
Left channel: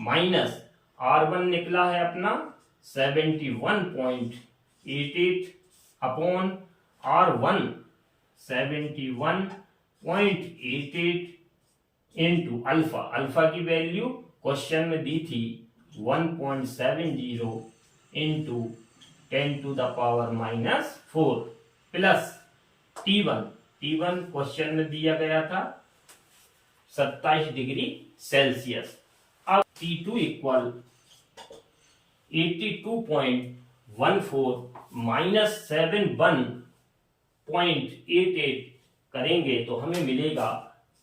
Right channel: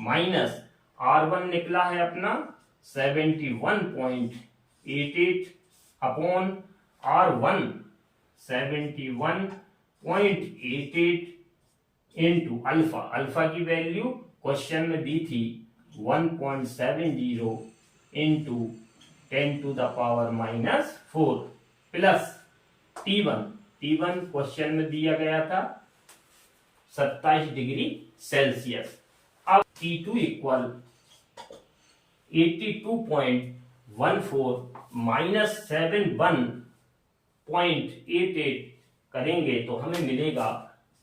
माइनस R1 निकला है अपना 71.88 upon R1 71.88 into alpha. Alpha की वैल्यू क्वेश्चन में दी थी 1.70 इंटू 10⁻⁻⁴ प्लस T1 क्वेश्चन में दिया गया था 27 डिग्री सेल्सियस। अब T2 इक्वल 82.14 माइनस 71.88 करेंगे तो हमें मिलेगा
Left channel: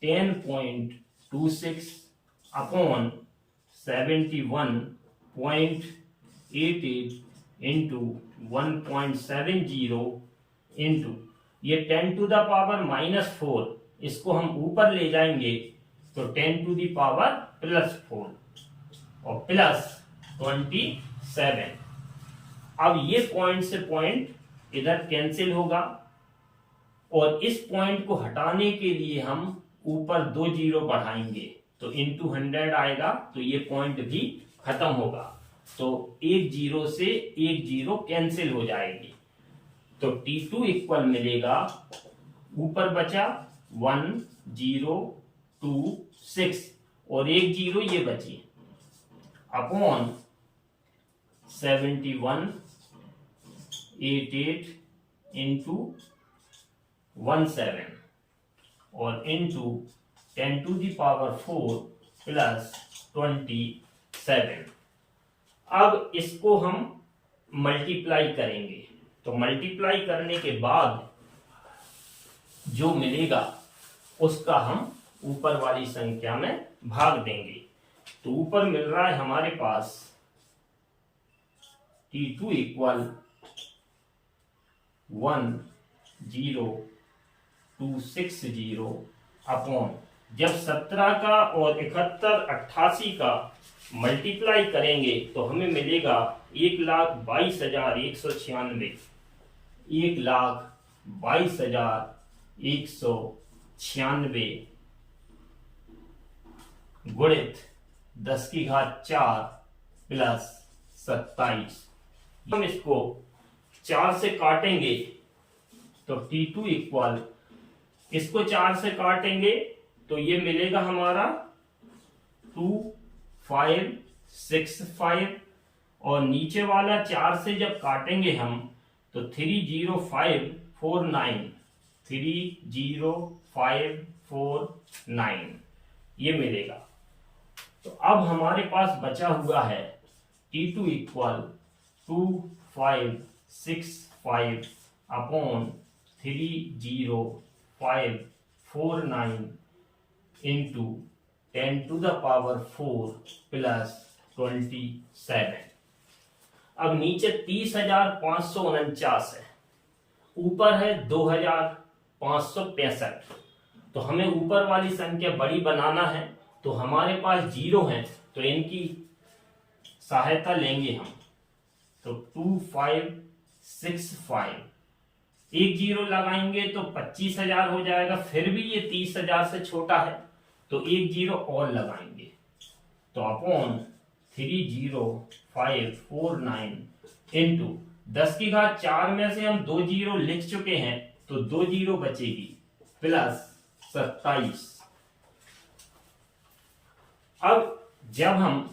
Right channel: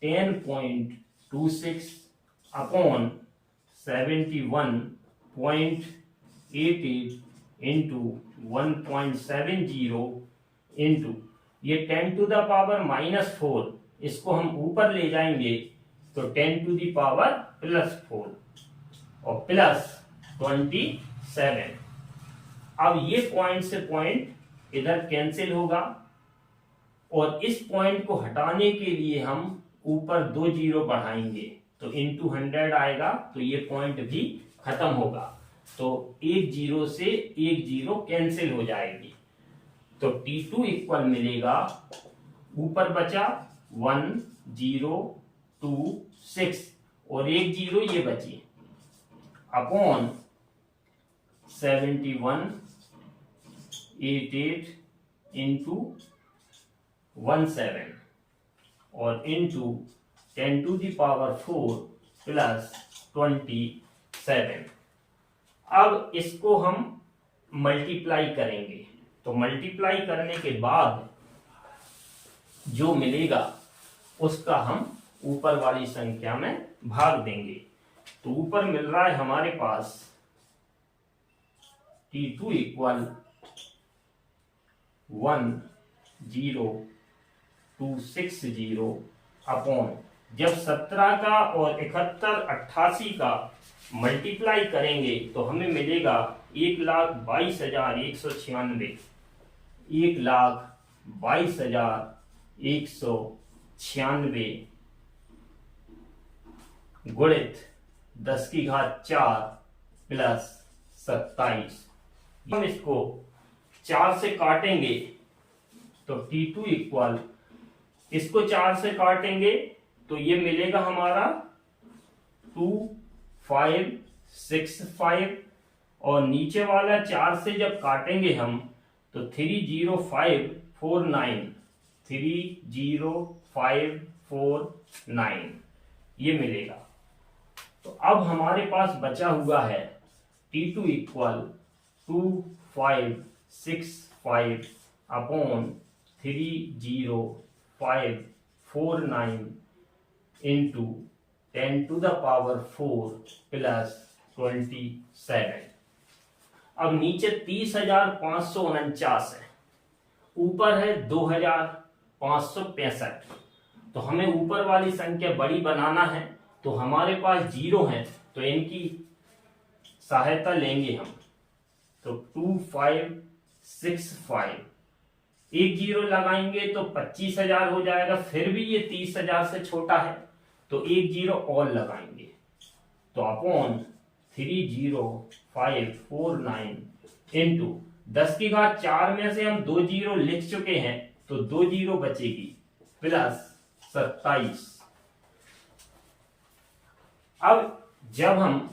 10.26 अपॉन 71.88 इंटू 1.70 इंटू ये 10 टू द पावर -4, इसको हम ऊपर ले जाएंगे तो 10 टू द पावर +4 और प्लस 27। अब ये पॉइंट से पॉइंट इधर कैंसिल होगा और इस पॉइंट को हटाने के लिए हम ऊपर 2 जीरो बढ़ाएंगे तो इंटू 100 आएगा, तो ये पॉइंट भी खत्म होगा। तो एक जीरो से एक जीरो कैंसिल हो जाएगी, तो T2 इक्वल मिलेगा, ऊपर बचा 1026 और एक जीरो ये बची अपॉन 7188 इंटू 17 और into 10 to the power 4 plus 27। अब इसको हम मल्टीप्लाई करेंगे, तो मल्टीप्लाई करने के बाद जो मिलेगा उसका हम ऊपर वाली संख्या में भाग देंगे। तो ऊपर मिल रहा है हमारे पास T2 इक्वल 10260 अपॉन, जब 17 का और 71 88 का मल्टीप्लाई करेंगे तो हमें मिलेगा 1,22,196, 1,22,196 गुणित 10 की घात 4 प्लस 27। हम इसको 4 से काटेंगे तो T2 इक्वल, इसको 4 से काटेंगे तो ये मिलेगा हमारा 2565 और नीचे वाला 4 से जब काटेंगे हम तो 30549 ये मिलेगा। तो अब हमारे पास बचा हुआ है T2 equal 2565 upon 30549 into 10 to the power 4 plus 27। अब नीचे 30,549 है, ऊपर है 2,565, तो हमें ऊपर वाली संख्या बड़ी बनाना है, तो हमारे पास जीरो है तो इनकी सहायता लेंगे हम। तो 2565 एक जीरो लगाएंगे तो 25,000 हो जाएगा, फिर भी ये 30,000 से छोटा है तो एक जीरो और लगाएंगे, तो अपॉन 30549 इंटू 10 की घात 4 में से हम 2 जीरो लिख चुके हैं तो 2 जीरो बचेगी प्लस 27। अब जब हम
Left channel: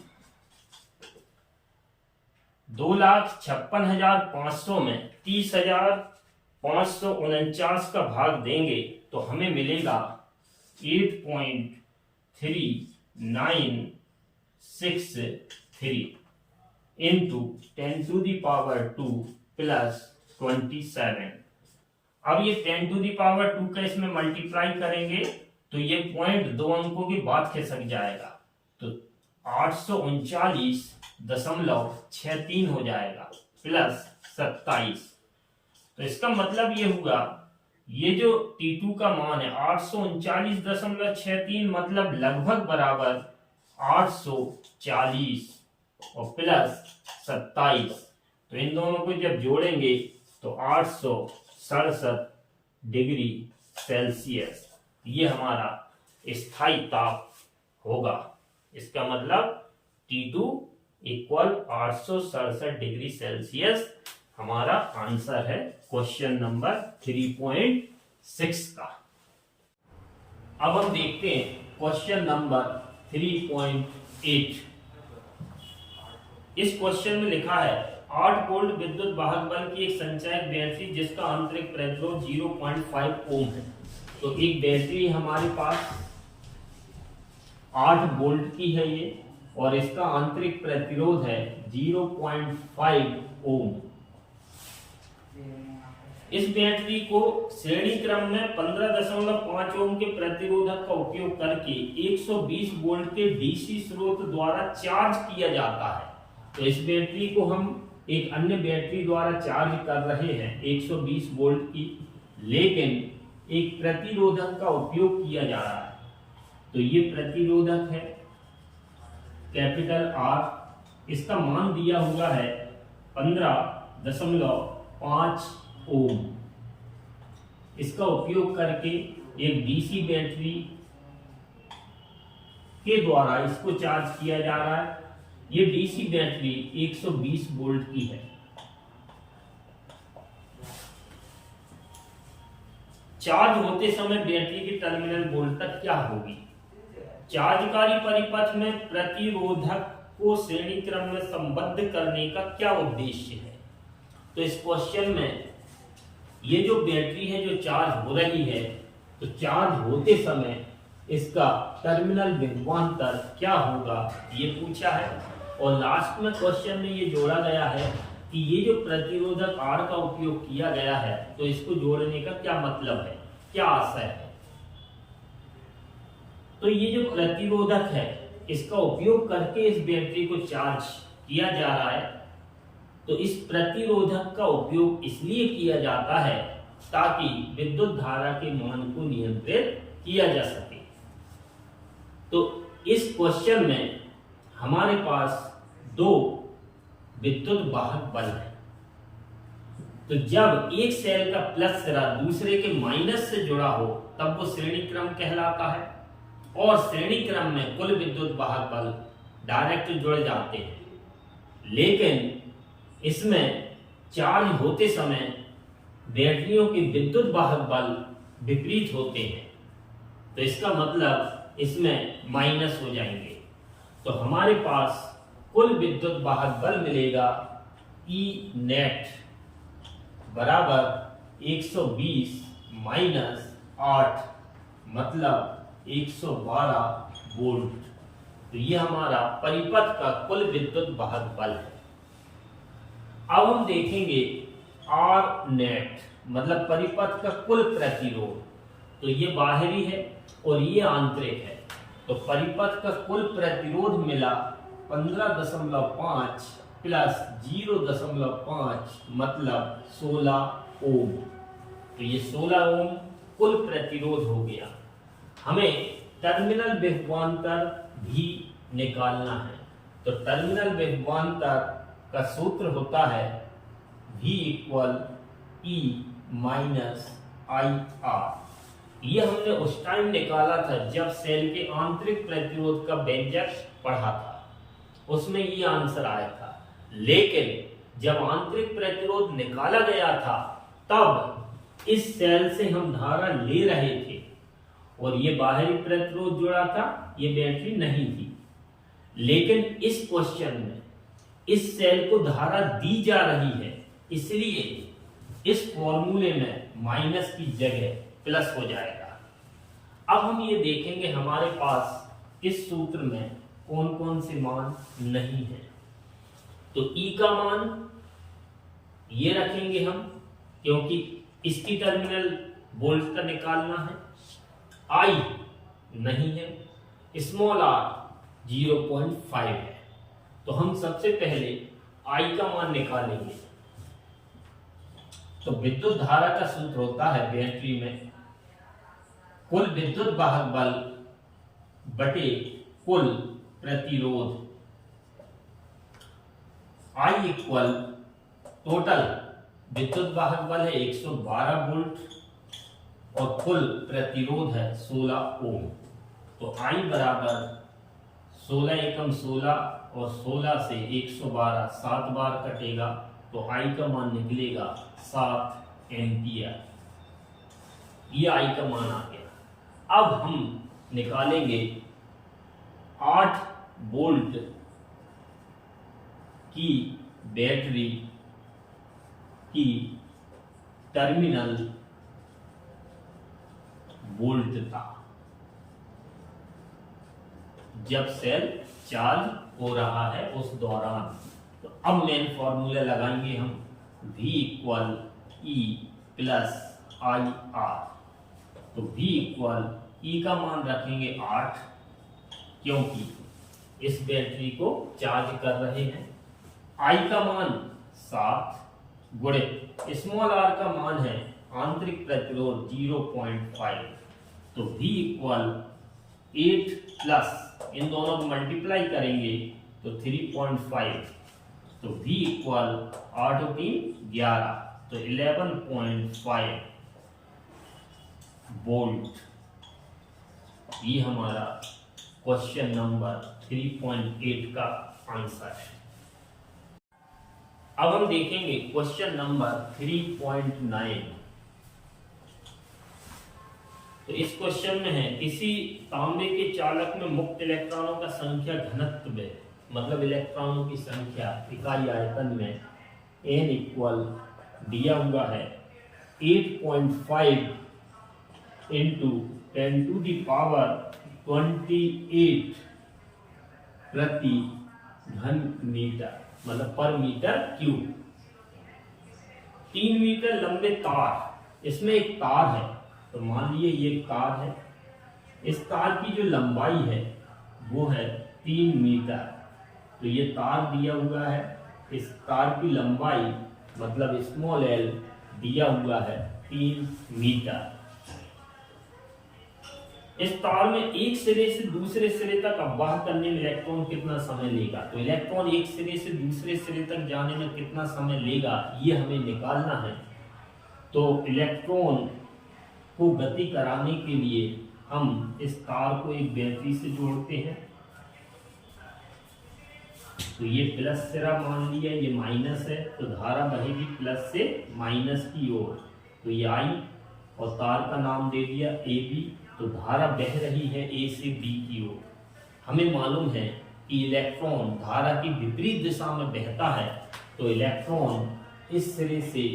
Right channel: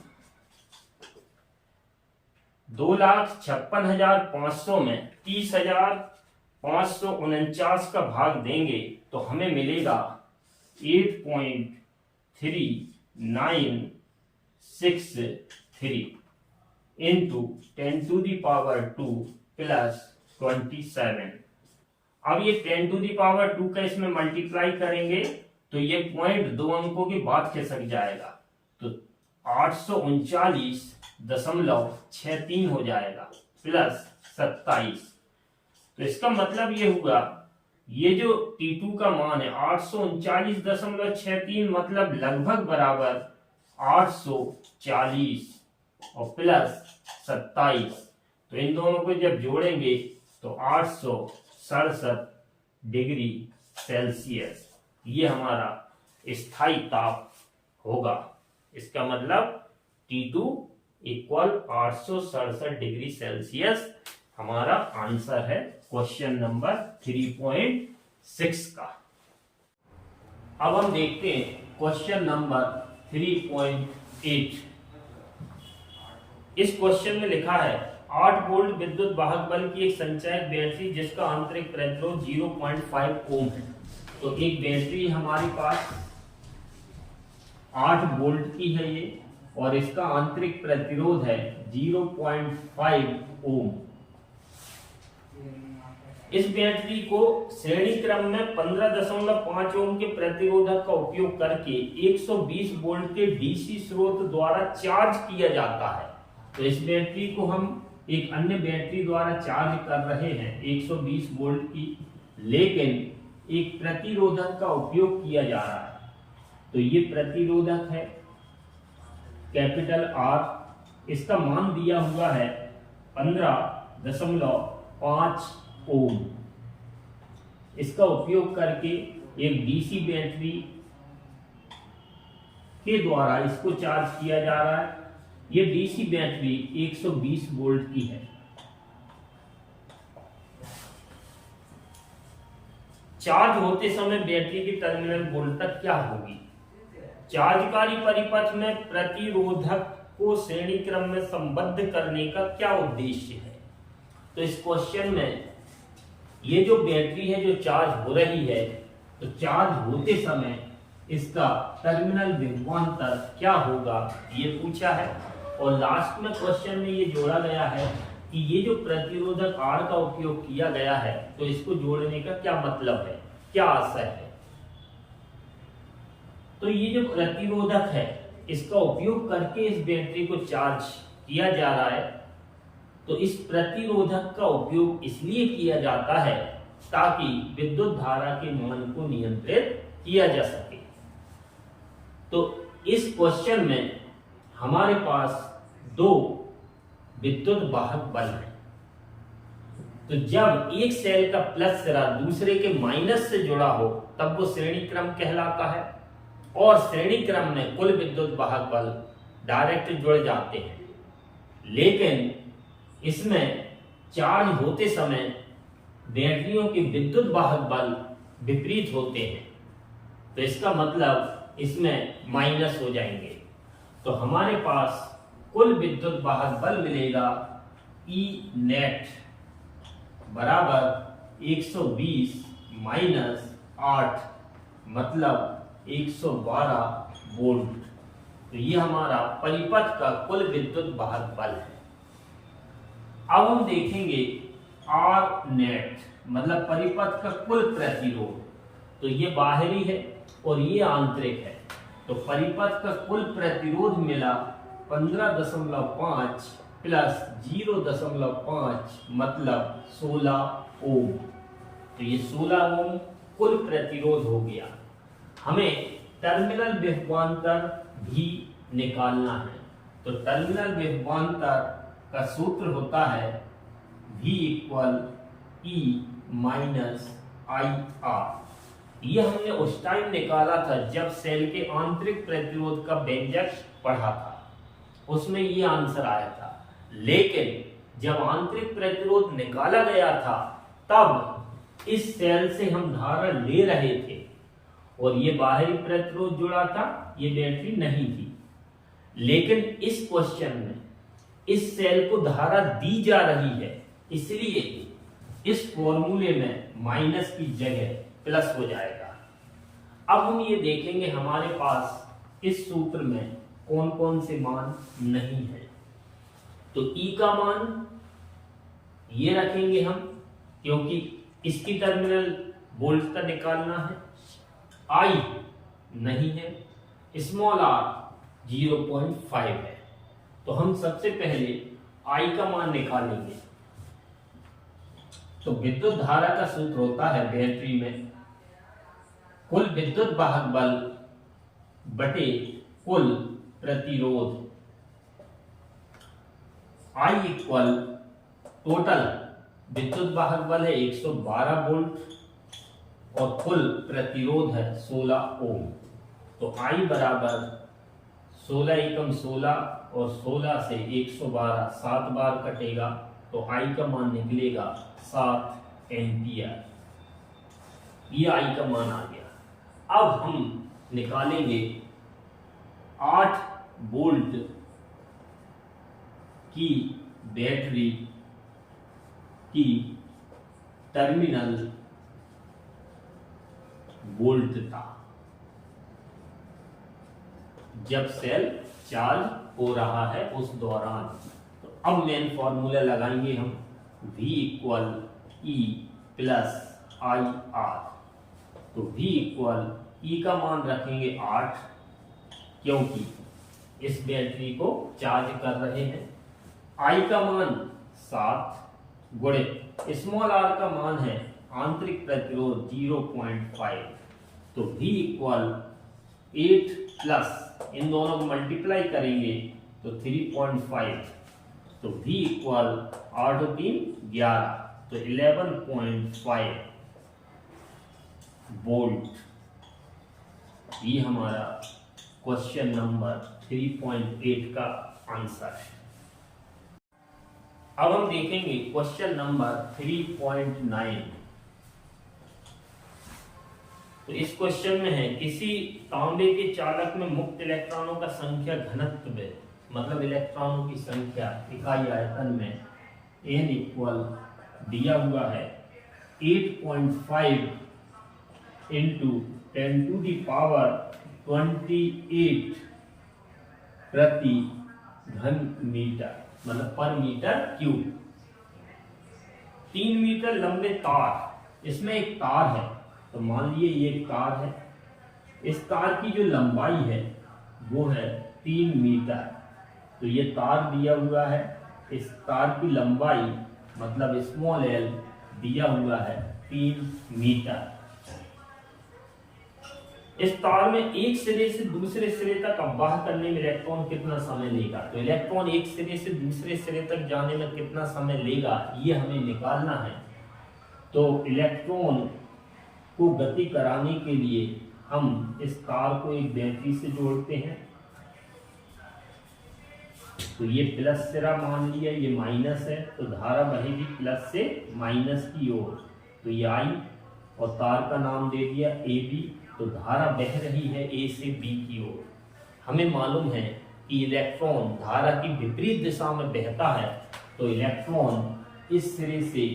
2,56,500 में 30,549 का भाग देंगे तो हमें मिलेगा 8.3963 into 10 to the power 2 plus 27। अब ये 10 टू दी पावर 2 का इसमें मल्टीप्लाई करेंगे तो ये पॉइंट 2 अंकों के बाद खिसक जाएगा, तो 839.63 हो जाएगा प्लस 27। तो इसका मतलब ये हुआ, ये जो T2 का मान है 839.63 मतलब लगभग बराबर 840 और प्लस 27, तो इन दोनों को जब जोड़ेंगे तो 867 डिग्री सेल्सियस ये हमारा स्थायी ताप होगा। इसका मतलब T2 इक्वल 867 डिग्री सेल्सियस हमारा आंसर है क्वेश्चन नंबर 3.6 का। अब हम देखते हैं क्वेश्चन नंबर 3.8। इस क्वेश्चन में लिखा है 8 वोल्ट विद्युत वाहक बल की एक संचयक बैटरी जिसका आंतरिक प्रतिरोध 0.5 ओम है। तो एक बैटरी हमारे पास 8 वोल्ट की है ये, और इसका आंतरिक प्रतिरोध है 0.5 ओम। इस बैटरी को श्रेणी क्रम में 15.5 ओम के प्रतिरोधक का उपयोग करके 120 वोल्ट के डीसी स्रोत द्वारा चार्ज किया जाता है। तो इस बैटरी को हम एक अन्य बैटरी द्वारा चार्ज कर रहे हैं 120 वोल्ट की, लेकिन एक प्रतिरोधक का उपयोग किया जा रहा है। तो ये प्रतिरोधक है कैपिटल R, इसका मान दिया हुआ है 15.5 ओम। इसका उपयोग करके एक डीसी बैटरी के द्वारा इसको चार्ज किया जा रहा है। ये डीसी बैटरी 120 वोल्ट की है। चार्ज होते समय बैटरी की टर्मिनल वोल्टेज क्या होगी? चार्जकारी परिपथ में प्रतिरोधक को श्रेणी क्रम में संबद्ध करने का क्या उद्देश्य है? तो इस क्वेश्चन में ये जो बैटरी है जो चार्ज हो रही है, तो चार्ज होते समय इसका टर्मिनल विभवांतर क्या होगा ये पूछा है। और लास्ट में क्वेश्चन में ये जोड़ा गया है कि ये जो प्रतिरोधक R का उपयोग किया गया है, तो इसको जोड़ने का क्या मतलब है, क्या आशय है। तो ये जो प्रतिरोधक है इसका उपयोग करके इस बैटरी को चार्ज किया जा रहा है। तो इस प्रतिरोधक का उपयोग इसलिए किया जाता है ताकि विद्युत धारा के मान को नियंत्रित किया जा सके। तो इस क्वेश्चन में हमारे पास दो विद्युत वाहक बल है। तो जब एक सेल का प्लस सिरा दूसरे के माइनस से जुड़ा हो तब वो श्रेणी क्रम कहलाता है, और श्रेणी क्रम में कुल विद्युत वाहक बल डायरेक्ट जुड़ जाते हैं। लेकिन इसमें चार्ज होते समय बैटरियों के विद्युत वाहक बल विपरीत होते हैं, तो इसका मतलब इसमें माइनस हो जाएंगे। तो हमारे पास कुल विद्युत वाहक बल मिलेगा E नेट बराबर 120 माइनस 8 मतलब 112 वोल्ट। तो ये हमारा परिपथ का कुल विद्युत वाहक बल है। अब हम देखेंगे R नेट मतलब परिपथ का कुल प्रतिरोध। तो ये बाहरी है और ये आंतरिक है। तो परिपथ का कुल प्रतिरोध मिला 15.5 प्लस 0.5 मतलब 16 ओम। तो ये 16 ओम कुल प्रतिरोध हो गया। हमें टर्मिनल विभवांतर भी निकालना है। तो टर्मिनल विभवांतर का सूत्र होता है V equal E minus IR। ये हमने उस टाइम निकाला था जब सेल के आंतरिक प्रतिरोध का व्यंजक पढ़ा था, उसमें ये आंसर आया था। लेकिन जब आंतरिक प्रतिरोध निकाला गया था तब इस सेल से हम धारा ले रहे थे और ये बाहरी प्रतिरोध जुड़ा था, ये बैटरी नहीं थी। लेकिन इस क्वेश्चन में इस सेल को धारा दी जा रही है, इसलिए इस फॉर्मूले में माइनस की जगह प्लस हो जाएगा। अब हम ये देखेंगे हमारे पास इस सूत्र में कौन कौन से मान नहीं है। तो E का मान ये रखेंगे हम, क्योंकि इसकी टर्मिनल वोल्ट का निकालना है। I नहीं है, स्मॉल r 0.5 है। तो हम सबसे पहले I का मान निकालेंगे। तो विद्युत धारा का सूत्र होता है बैटरी में कुल विद्युत वाहक बल बटे कुल प्रतिरोध। I इक्वल टोटल विद्युत वाहक बल है 112 वोल्ट और कुल प्रतिरोध है 16 ओम। तो I बराबर 16 एकम 16 और 16 से 112 7 बार कटेगा, तो I का मान निकलेगा 7 एम्पियर। ये I का मान आ गया। अब हम निकालेंगे 8 वोल्ट की बैटरी की टर्मिनल वोल्टता जब सेल चार्ज हो रहा है उस दौरान। तो अब मेन फॉर्मूला लगाएंगे हम, V equal E plus I R. तो V इक्वल E का मान रखेंगे 8, क्योंकि इस बैटरी को चार्ज कर रहे हैं। I का मान 7 गुणित स्मॉल r का मान है आंतरिक प्रतिरोध 0.5। तो V इक्वल 8 प्लस इन दोनों को मल्टीप्लाई करेंगे तो 3.5। तो V इक्वल 8 और 3 11, तो 11.5 वोल्ट। ये हमारा क्वेश्चन नंबर 3.8 का आंसर है। अब हम देखेंगे क्वेश्चन नंबर 3.9। तो इस क्वेश्चन में है किसी तांबे के चालक में मुक्त इलेक्ट्रॉनों का संख्या घनत्व, मतलब इलेक्ट्रॉनों की संख्या इकाई आयतन में n इक्वल दिया हुआ है 8.5 इंटू 10 टू दी पावर 28 प्रति घन मीटर, मतलब पर मीटर क्यूब। 3 मीटर लंबे तार, इसमें एक तार है, तो मान लीजिए ये एक तार है। इस तार की जो लंबाई है वो है 3 मीटर। तो ये तार दिया हुआ है, इस तार की लंबाई मतलब स्मॉल l दिया हुआ है 3 मीटर। इस तार में एक सिरे से दूसरे सिरे तक अववाह करने में इलेक्ट्रॉन कितना समय लेगा। तो इलेक्ट्रॉन एक सिरे से दूसरे सिरे तक जाने में कितना समय लेगा ये हमें निकालना है। तो इलेक्ट्रॉन को गति कराने के लिए हम इस तार को एक बैटरी से जोड़ते हैं। तो ये प्लस सिरा मान लिया, ये माइनस है, तो धारा बहेगी प्लस से माइनस की ओर। तो ये आई और तार का नाम दे दिया ए बी। तो धारा बह रही है ए से बी की ओर। हमें मालूम है कि इलेक्ट्रॉन धारा की विपरीत दिशा में बहता है, तो इलेक्ट्रॉन इस सिरे से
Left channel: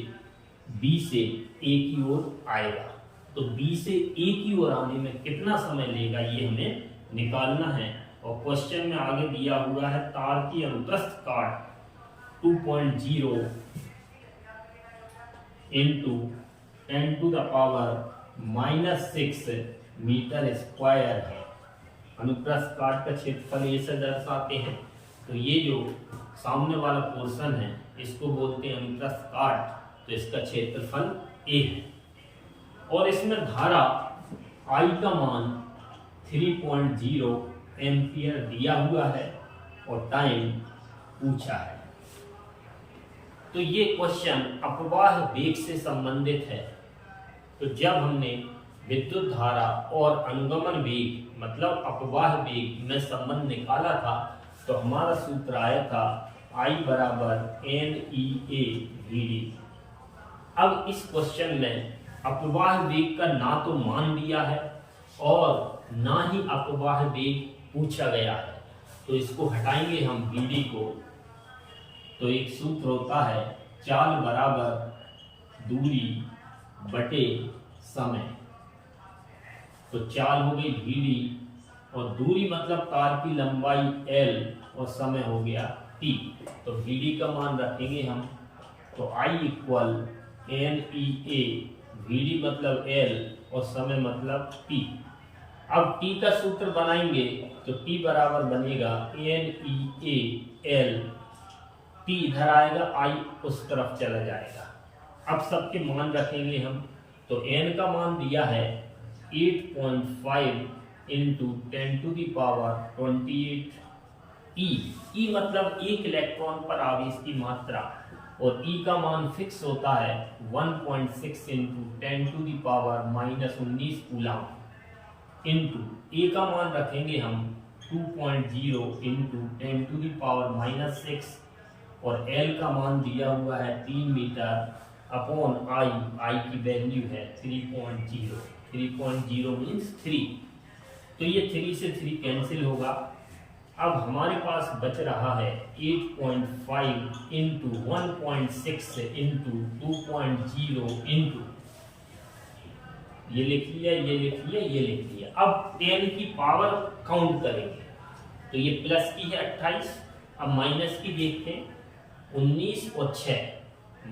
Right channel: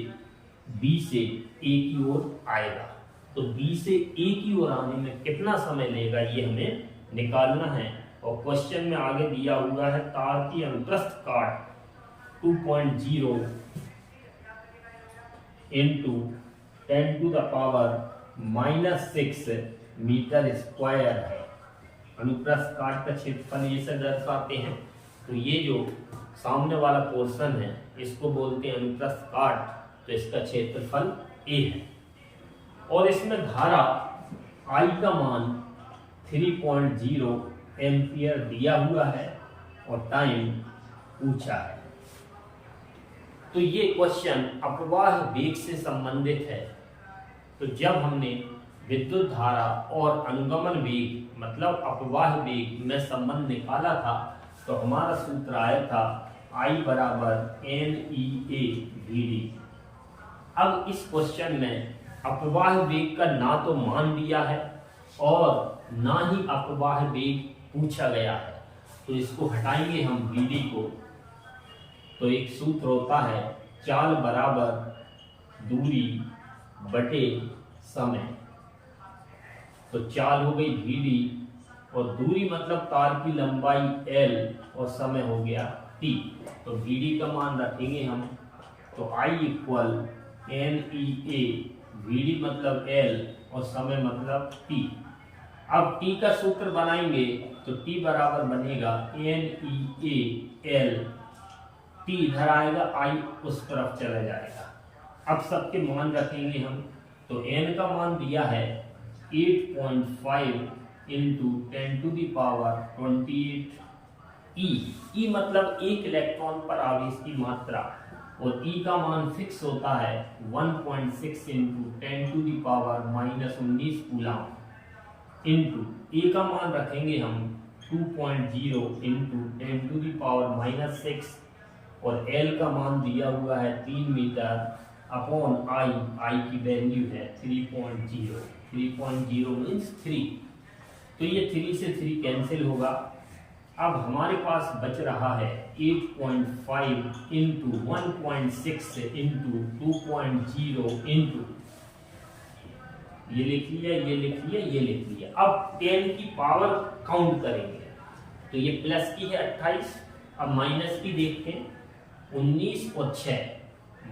बी से ए की ओर आएगा। तो बी से ए की ओर आने में कितना समय लेगा ये हमें निकालना है। और क्वेश्चन में आगे दिया हुआ है तार की अनुप्रस्थ काट 2.0 into 10 to the power -6 metre square है। अनुप्रस्थ काट का क्षेत्रफल ये से दर्शाते हैं। तो ये जो सामने वाला पोर्शन है इसको बोलते हैं अनुप्रस्थ काट, तो इसका क्षेत्रफल ए है। और इसमें धारा आई का मान 3.0 एम्पियर दिया हुआ है और टाइम पूछा है। तो ये क्वेश्चन अपवाह वेग से संबंधित है। तो जब हमने विद्युत धारा और अनुगमन वेग मतलब अपवाह वेग में संबंध निकाला था, तो हमारा सूत्र आया था I बराबर NEA/VD। अब इस क्वेश्चन में अपवाह वेग का ना तो मान दिया है और ना ही अपवाह वेग पूछा गया है। तो इसको हटाएंगे हम VD को। तो एक सूत्र होता है चाल बराबर दूरी बटे समय। तो चाल हो गई VD और दूरी मतलब तार की लंबाई L और समय हो गया T। तो VD का मान रखेंगे हम। तो I इक्वल NEA, VD मतलब L और समय मतलब T। अब T का सूत्र बनाएंगे तो T बराबर बनेगा NEA/L। T इधर आएगा, I उस तरफ चला जाएगा। अब सबके मान रखेंगे हम। तो N का मान दिया है 8.5 into 10 to the power 28 E मतलब एक इलेक्ट्रॉन पर आवेश की मात्रा, और E का मान फिक्स होता है 1.6 into 10 to the power -19 coulomb into A का मान रखेंगे हम 2.0 इंटू 10 टू दी पावर -6 और L का मान दिया हुआ है 3 मीटर अपॉन I की वैल्यू है 3.0। 3.0 मीन्स 3। तो ये 3 से 3 कैंसिल होगा। अब हमारे पास बच रहा है 8.5 इंटू 1.6 इंटू 2.0 इंटू, ये लिख लिया, ये लिख लिया, ये लिख लिया। अब 10 की पावर काउंट करेंगे तो ये प्लस की है 28। अब माइनस की देखते हैं, 19 और 6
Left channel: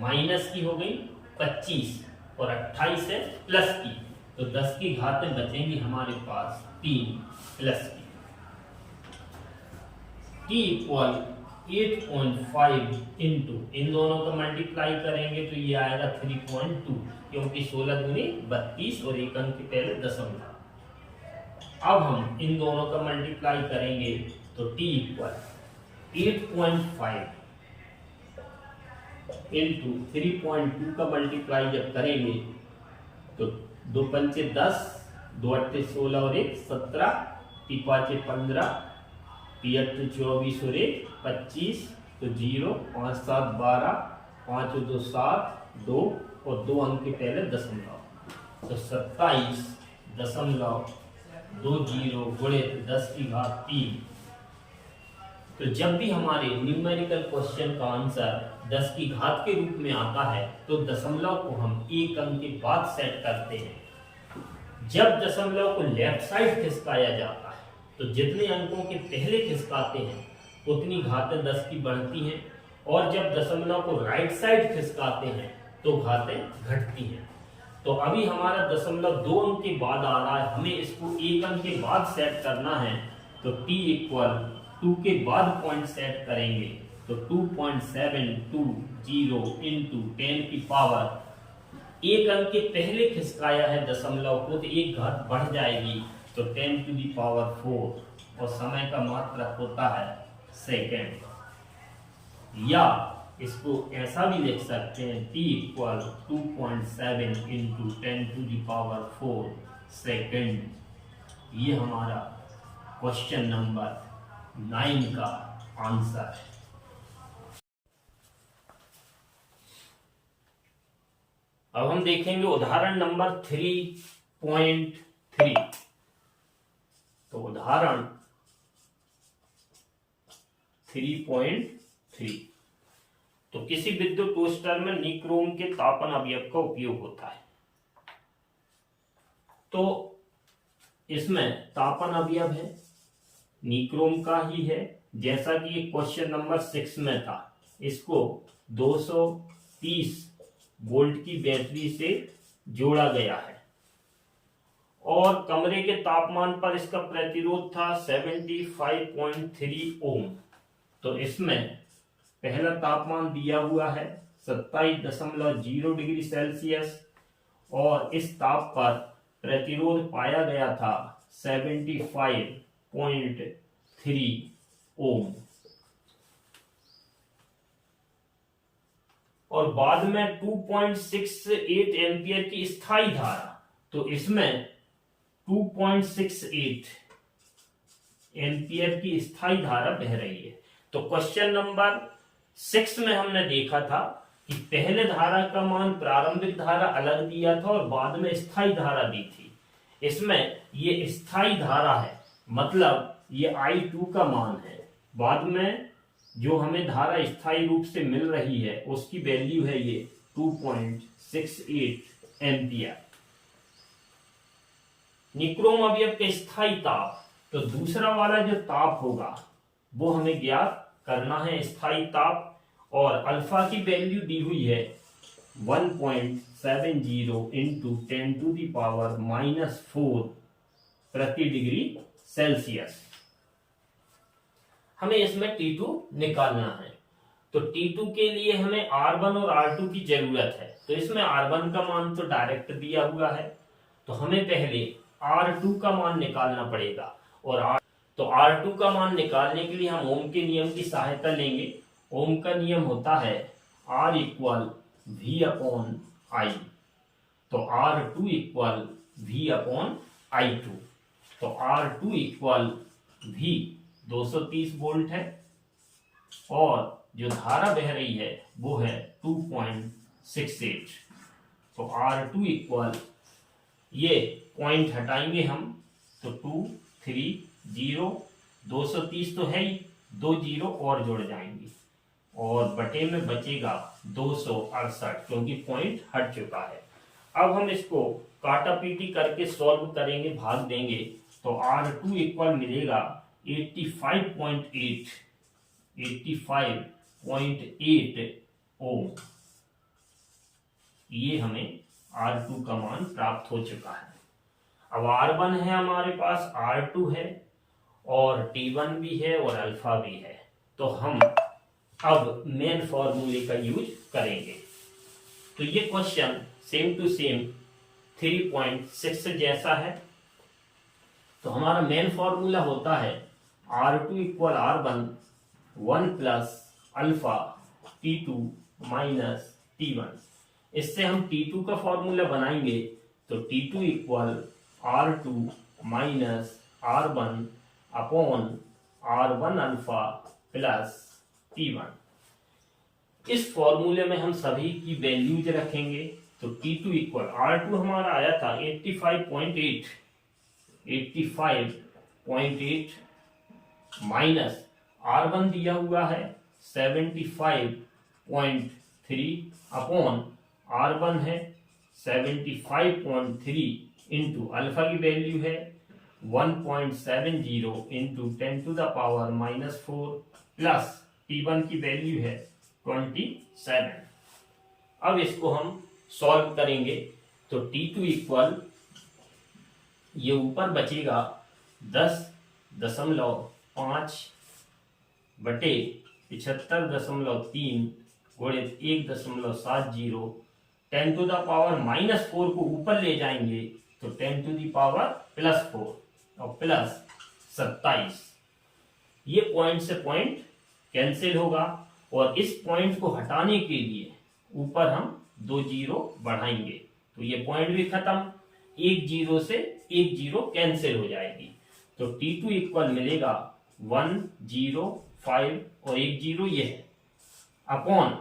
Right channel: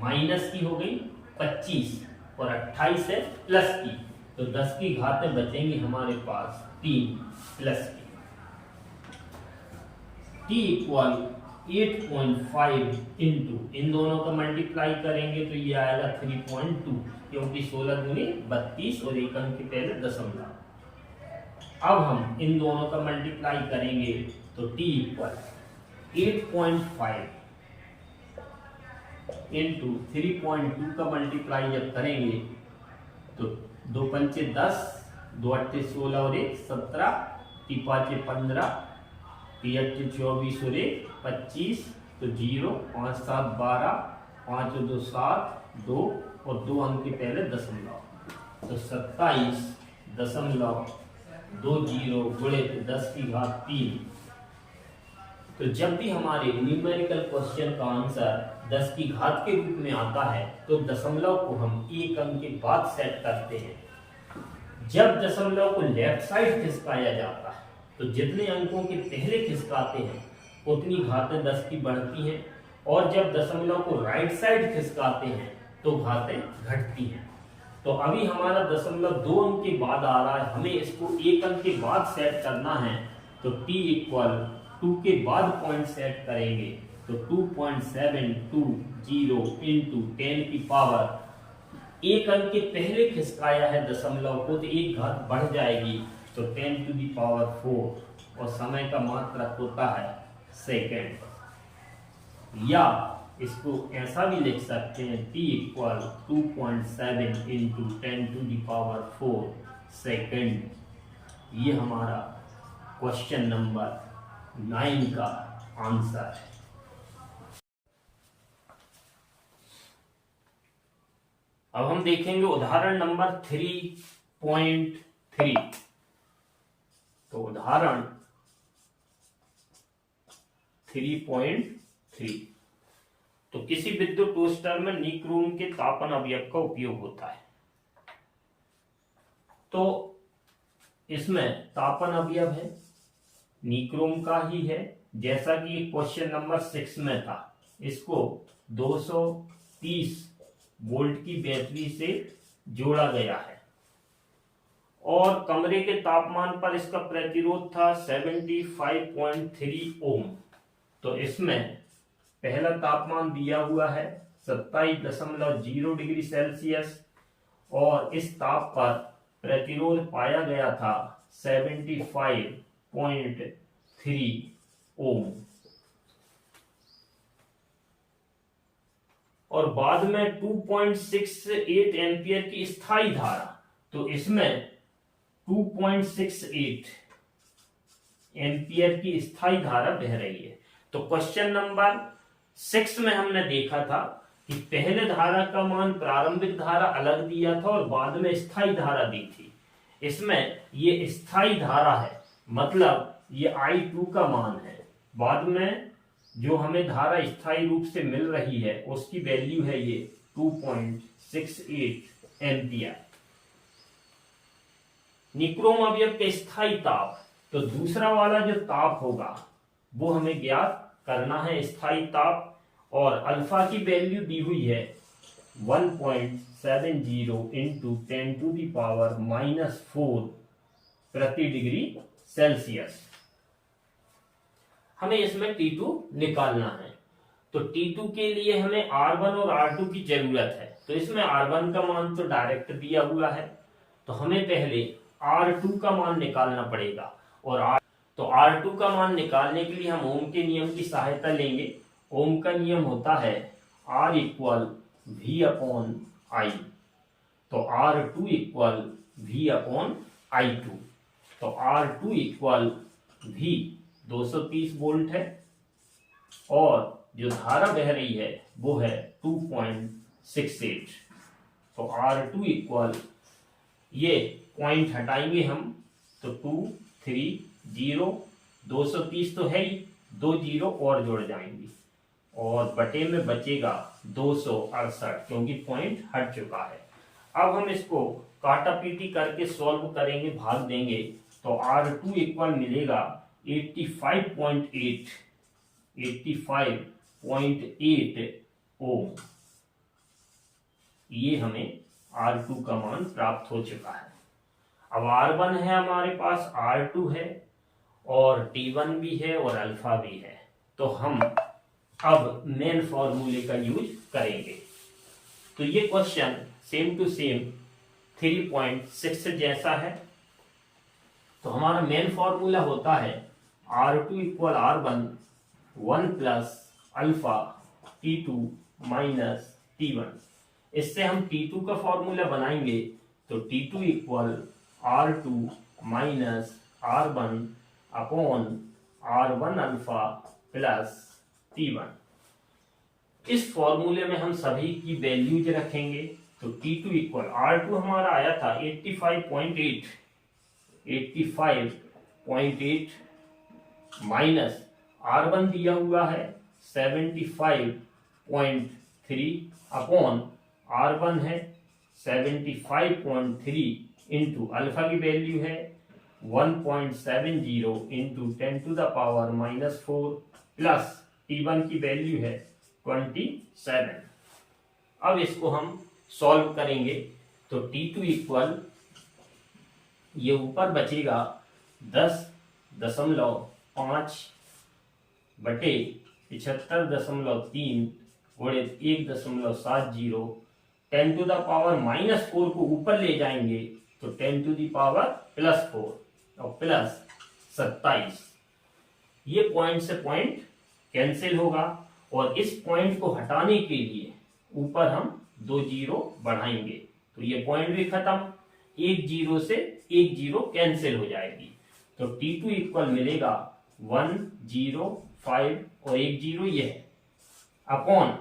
माइनस की हो गई 25 और 28 है प्लस की, तो 10 की घातें बचेंगी हमारे पास 3 प्लस की। t इक्वल 8.5 इंटू इन दोनों का मल्टीप्लाई करेंगे तो ये आएगा 3.2, क्योंकि 16 दूनी 32 और एक अंक के पहले दशमलव। अब हम इन दोनों का मल्टीप्लाई करेंगे तो t इक्वल 8.5 इंटू 3.2 का मल्टीप्लाई जब करेंगे तो 2 पंचे 10, 2 अट्ठे 16 और 1 17, 3 पाँचे 15, 3 अट्ठे 24 और 1 25, तो 0, 5 7 12, 5 और 2 7, 2 और 2 अंक के पहले दशमलव, तो 27.20 गुणे 10 की घात 3। तो जब भी हमारे न्यूमेरिकल क्वेश्चन का आंसर 10 की घात के रूप में आता है तो दशमलव को हम एक अंक के बाद सेट करते हैं। जब दशमलव को लेफ्ट साइड खिसकाया जाता है तो जितने अंकों के पहले खिसकाते हैं उतनी घातें 10 की बढ़ती हैं, और जब दशमलव को राइट साइड खिसकाते हैं तो घातें घटती हैं। तो अभी हमारा दशमलव 2 अंक के बाद आ रहा है, हमें इसको एक अंक के बाद सेट करना है, तो t इक्वल 2 के बाद पॉइंट सेट करेंगे तो 2.720 इंटू 10 की पावर एक अंक के पहले खिसकाया है दशमलव को तो एक घात बढ़ जाएगी, तो 10 टू दी पावर 4, और समय का मात्रक होता है सेकेंड। या इसको ऐसा भी लिख सकते हैं t equal 2.7 into 10 to the power 4 second. ये हमारा क्वेश्चन नंबर 9 का आंसर है। अब हम देखेंगे उदाहरण नंबर 3.3। तो उदाहरण 3.3, तो किसी विद्युत टोस्टर में निक्रोम के तापन अवयव का उपयोग होता है। तो इसमें तापन अवयव है, निक्रोम का ही है, जैसा कि क्वेश्चन नंबर 6 में था। इसको 230 वोल्ट की बैटरी से जोड़ा गया है और कमरे के तापमान पर इसका प्रतिरोध था 75.3 ओम। तो इसमें पहला तापमान दिया हुआ है 27.0 डिग्री सेल्सियस और इस ताप पर प्रतिरोध पाया गया था 75.3 ओम। और बाद में 2.68 एम्पियर की स्थायी धारा, तो इसमें 2.68 एम्पियर की स्थायी धारा बह रही है। तो क्वेश्चन नंबर 6 में हमने देखा था कि पहले धारा का मान प्रारंभिक धारा अलग दिया था और बाद में स्थायी धारा दी थी। इसमें ये स्थायी धारा है, मतलब ये I2 का मान है। बाद में जो हमें धारा स्थायी रूप से मिल रही है उसकी वैल्यू है ये 2.68 एम्पियर। निक्रोम अवयव का स्थायी ताप, तो दूसरा वाला जो ताप होगा वो हमें ज्ञात करना है, स्थायी ताप, और अल्फा की वैल्यू दी हुई है 1.70 इंटू 10 टू दी पावर -4 प्रति डिग्री सेल्सियस। हमें इसमें T2 निकालना है। तो T2 के लिए हमें R1 और R2 की जरूरत है। तो इसमें R1 का मान तो डायरेक्ट दिया हुआ है, तो हमें पहले R2 का मान निकालना पड़ेगा। और तो R2 का मान निकालने के लिए हम ओम के नियम की सहायता लेंगे। ओम का नियम होता है R equal V upon I। तो R2 equal V upon I2। तो R2 इक्वल V 230 वोल्ट है और जो धारा बह रही है वो है 2.68। तो R2 इक्वल, ये पॉइंट हटाएंगे हम तो 2 3 0, 230 तो है ही, 2 0 और जुड़ जाएंगे और बटे में बचेगा 268 क्योंकि पॉइंट हट चुका है। अब हम इसको काटा पीटी करके सॉल्व करेंगे, भाग देंगे, तो R2 इक्वल मिलेगा 85.8 ओम। ये हमें R2 का मान प्राप्त हो चुका है। अब R1 है हमारे पास, R2 है और T1 भी है और अल्फा भी है। तो हम अब मेन फॉर्मूले का यूज करेंगे। तो ये क्वेश्चन सेम टू सेम 3.6 जैसा है। तो हमारा मेन फॉर्मूला होता है R2 equal R1 1 plus alpha T2 minus T1। इससे हम T2 का फॉर्मूला बनाएंगे तो T2 equal R2 minus R1 upon R1 alpha plus T1। इस फॉर्मूले में हम सभी की वैल्यूज रखेंगे। तो T2 इक्वल R2 हमारा आया था 85.8 माइनस R1 दिया हुआ है 75.3 अपॉन R1 है 75.3 इंटू अल्फा की वैल्यू है 1.70 into 10 to the power -4 plus T1 की वैल्यू है 27। अब इसको हम सॉल्व करेंगे तो T2 इक्वल ये ऊपर बचेगा 10.5 बटे 75.3 गुणित 1.70 10 टू द पावर -4 को ऊपर ले जाएंगे तो 10 टू द पावर +4 और प्लस 27। ये पॉइंट से पॉइंट कैंसिल होगा और इस पॉइंट को हटाने के लिए ऊपर हम 2 जीरो बढ़ाएंगे तो ये पॉइंट भी खत्म, 1 जीरो से 1 जीरो कैंसिल हो जाएगी। तो T2 इक्वल मिलेगा 105 और 1 जीरो ये है अपॉन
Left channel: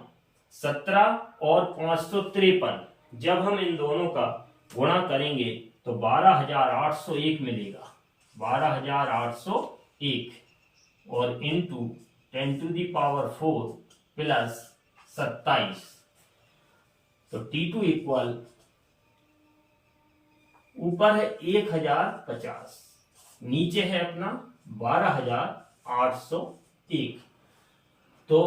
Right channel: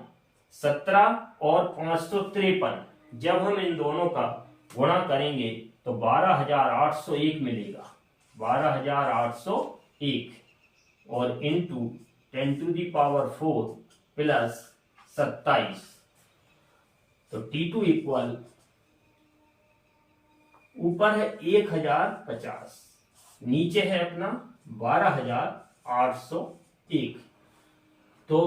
17 और 553। जब हम इन दोनों का गुणा करेंगे तो 12,801 मिलेगा, 12,801 और into 10 to the power 4 plus 27। तो T2 इक्वल ऊपर है 1050, नीचे है अपना 12,801। तो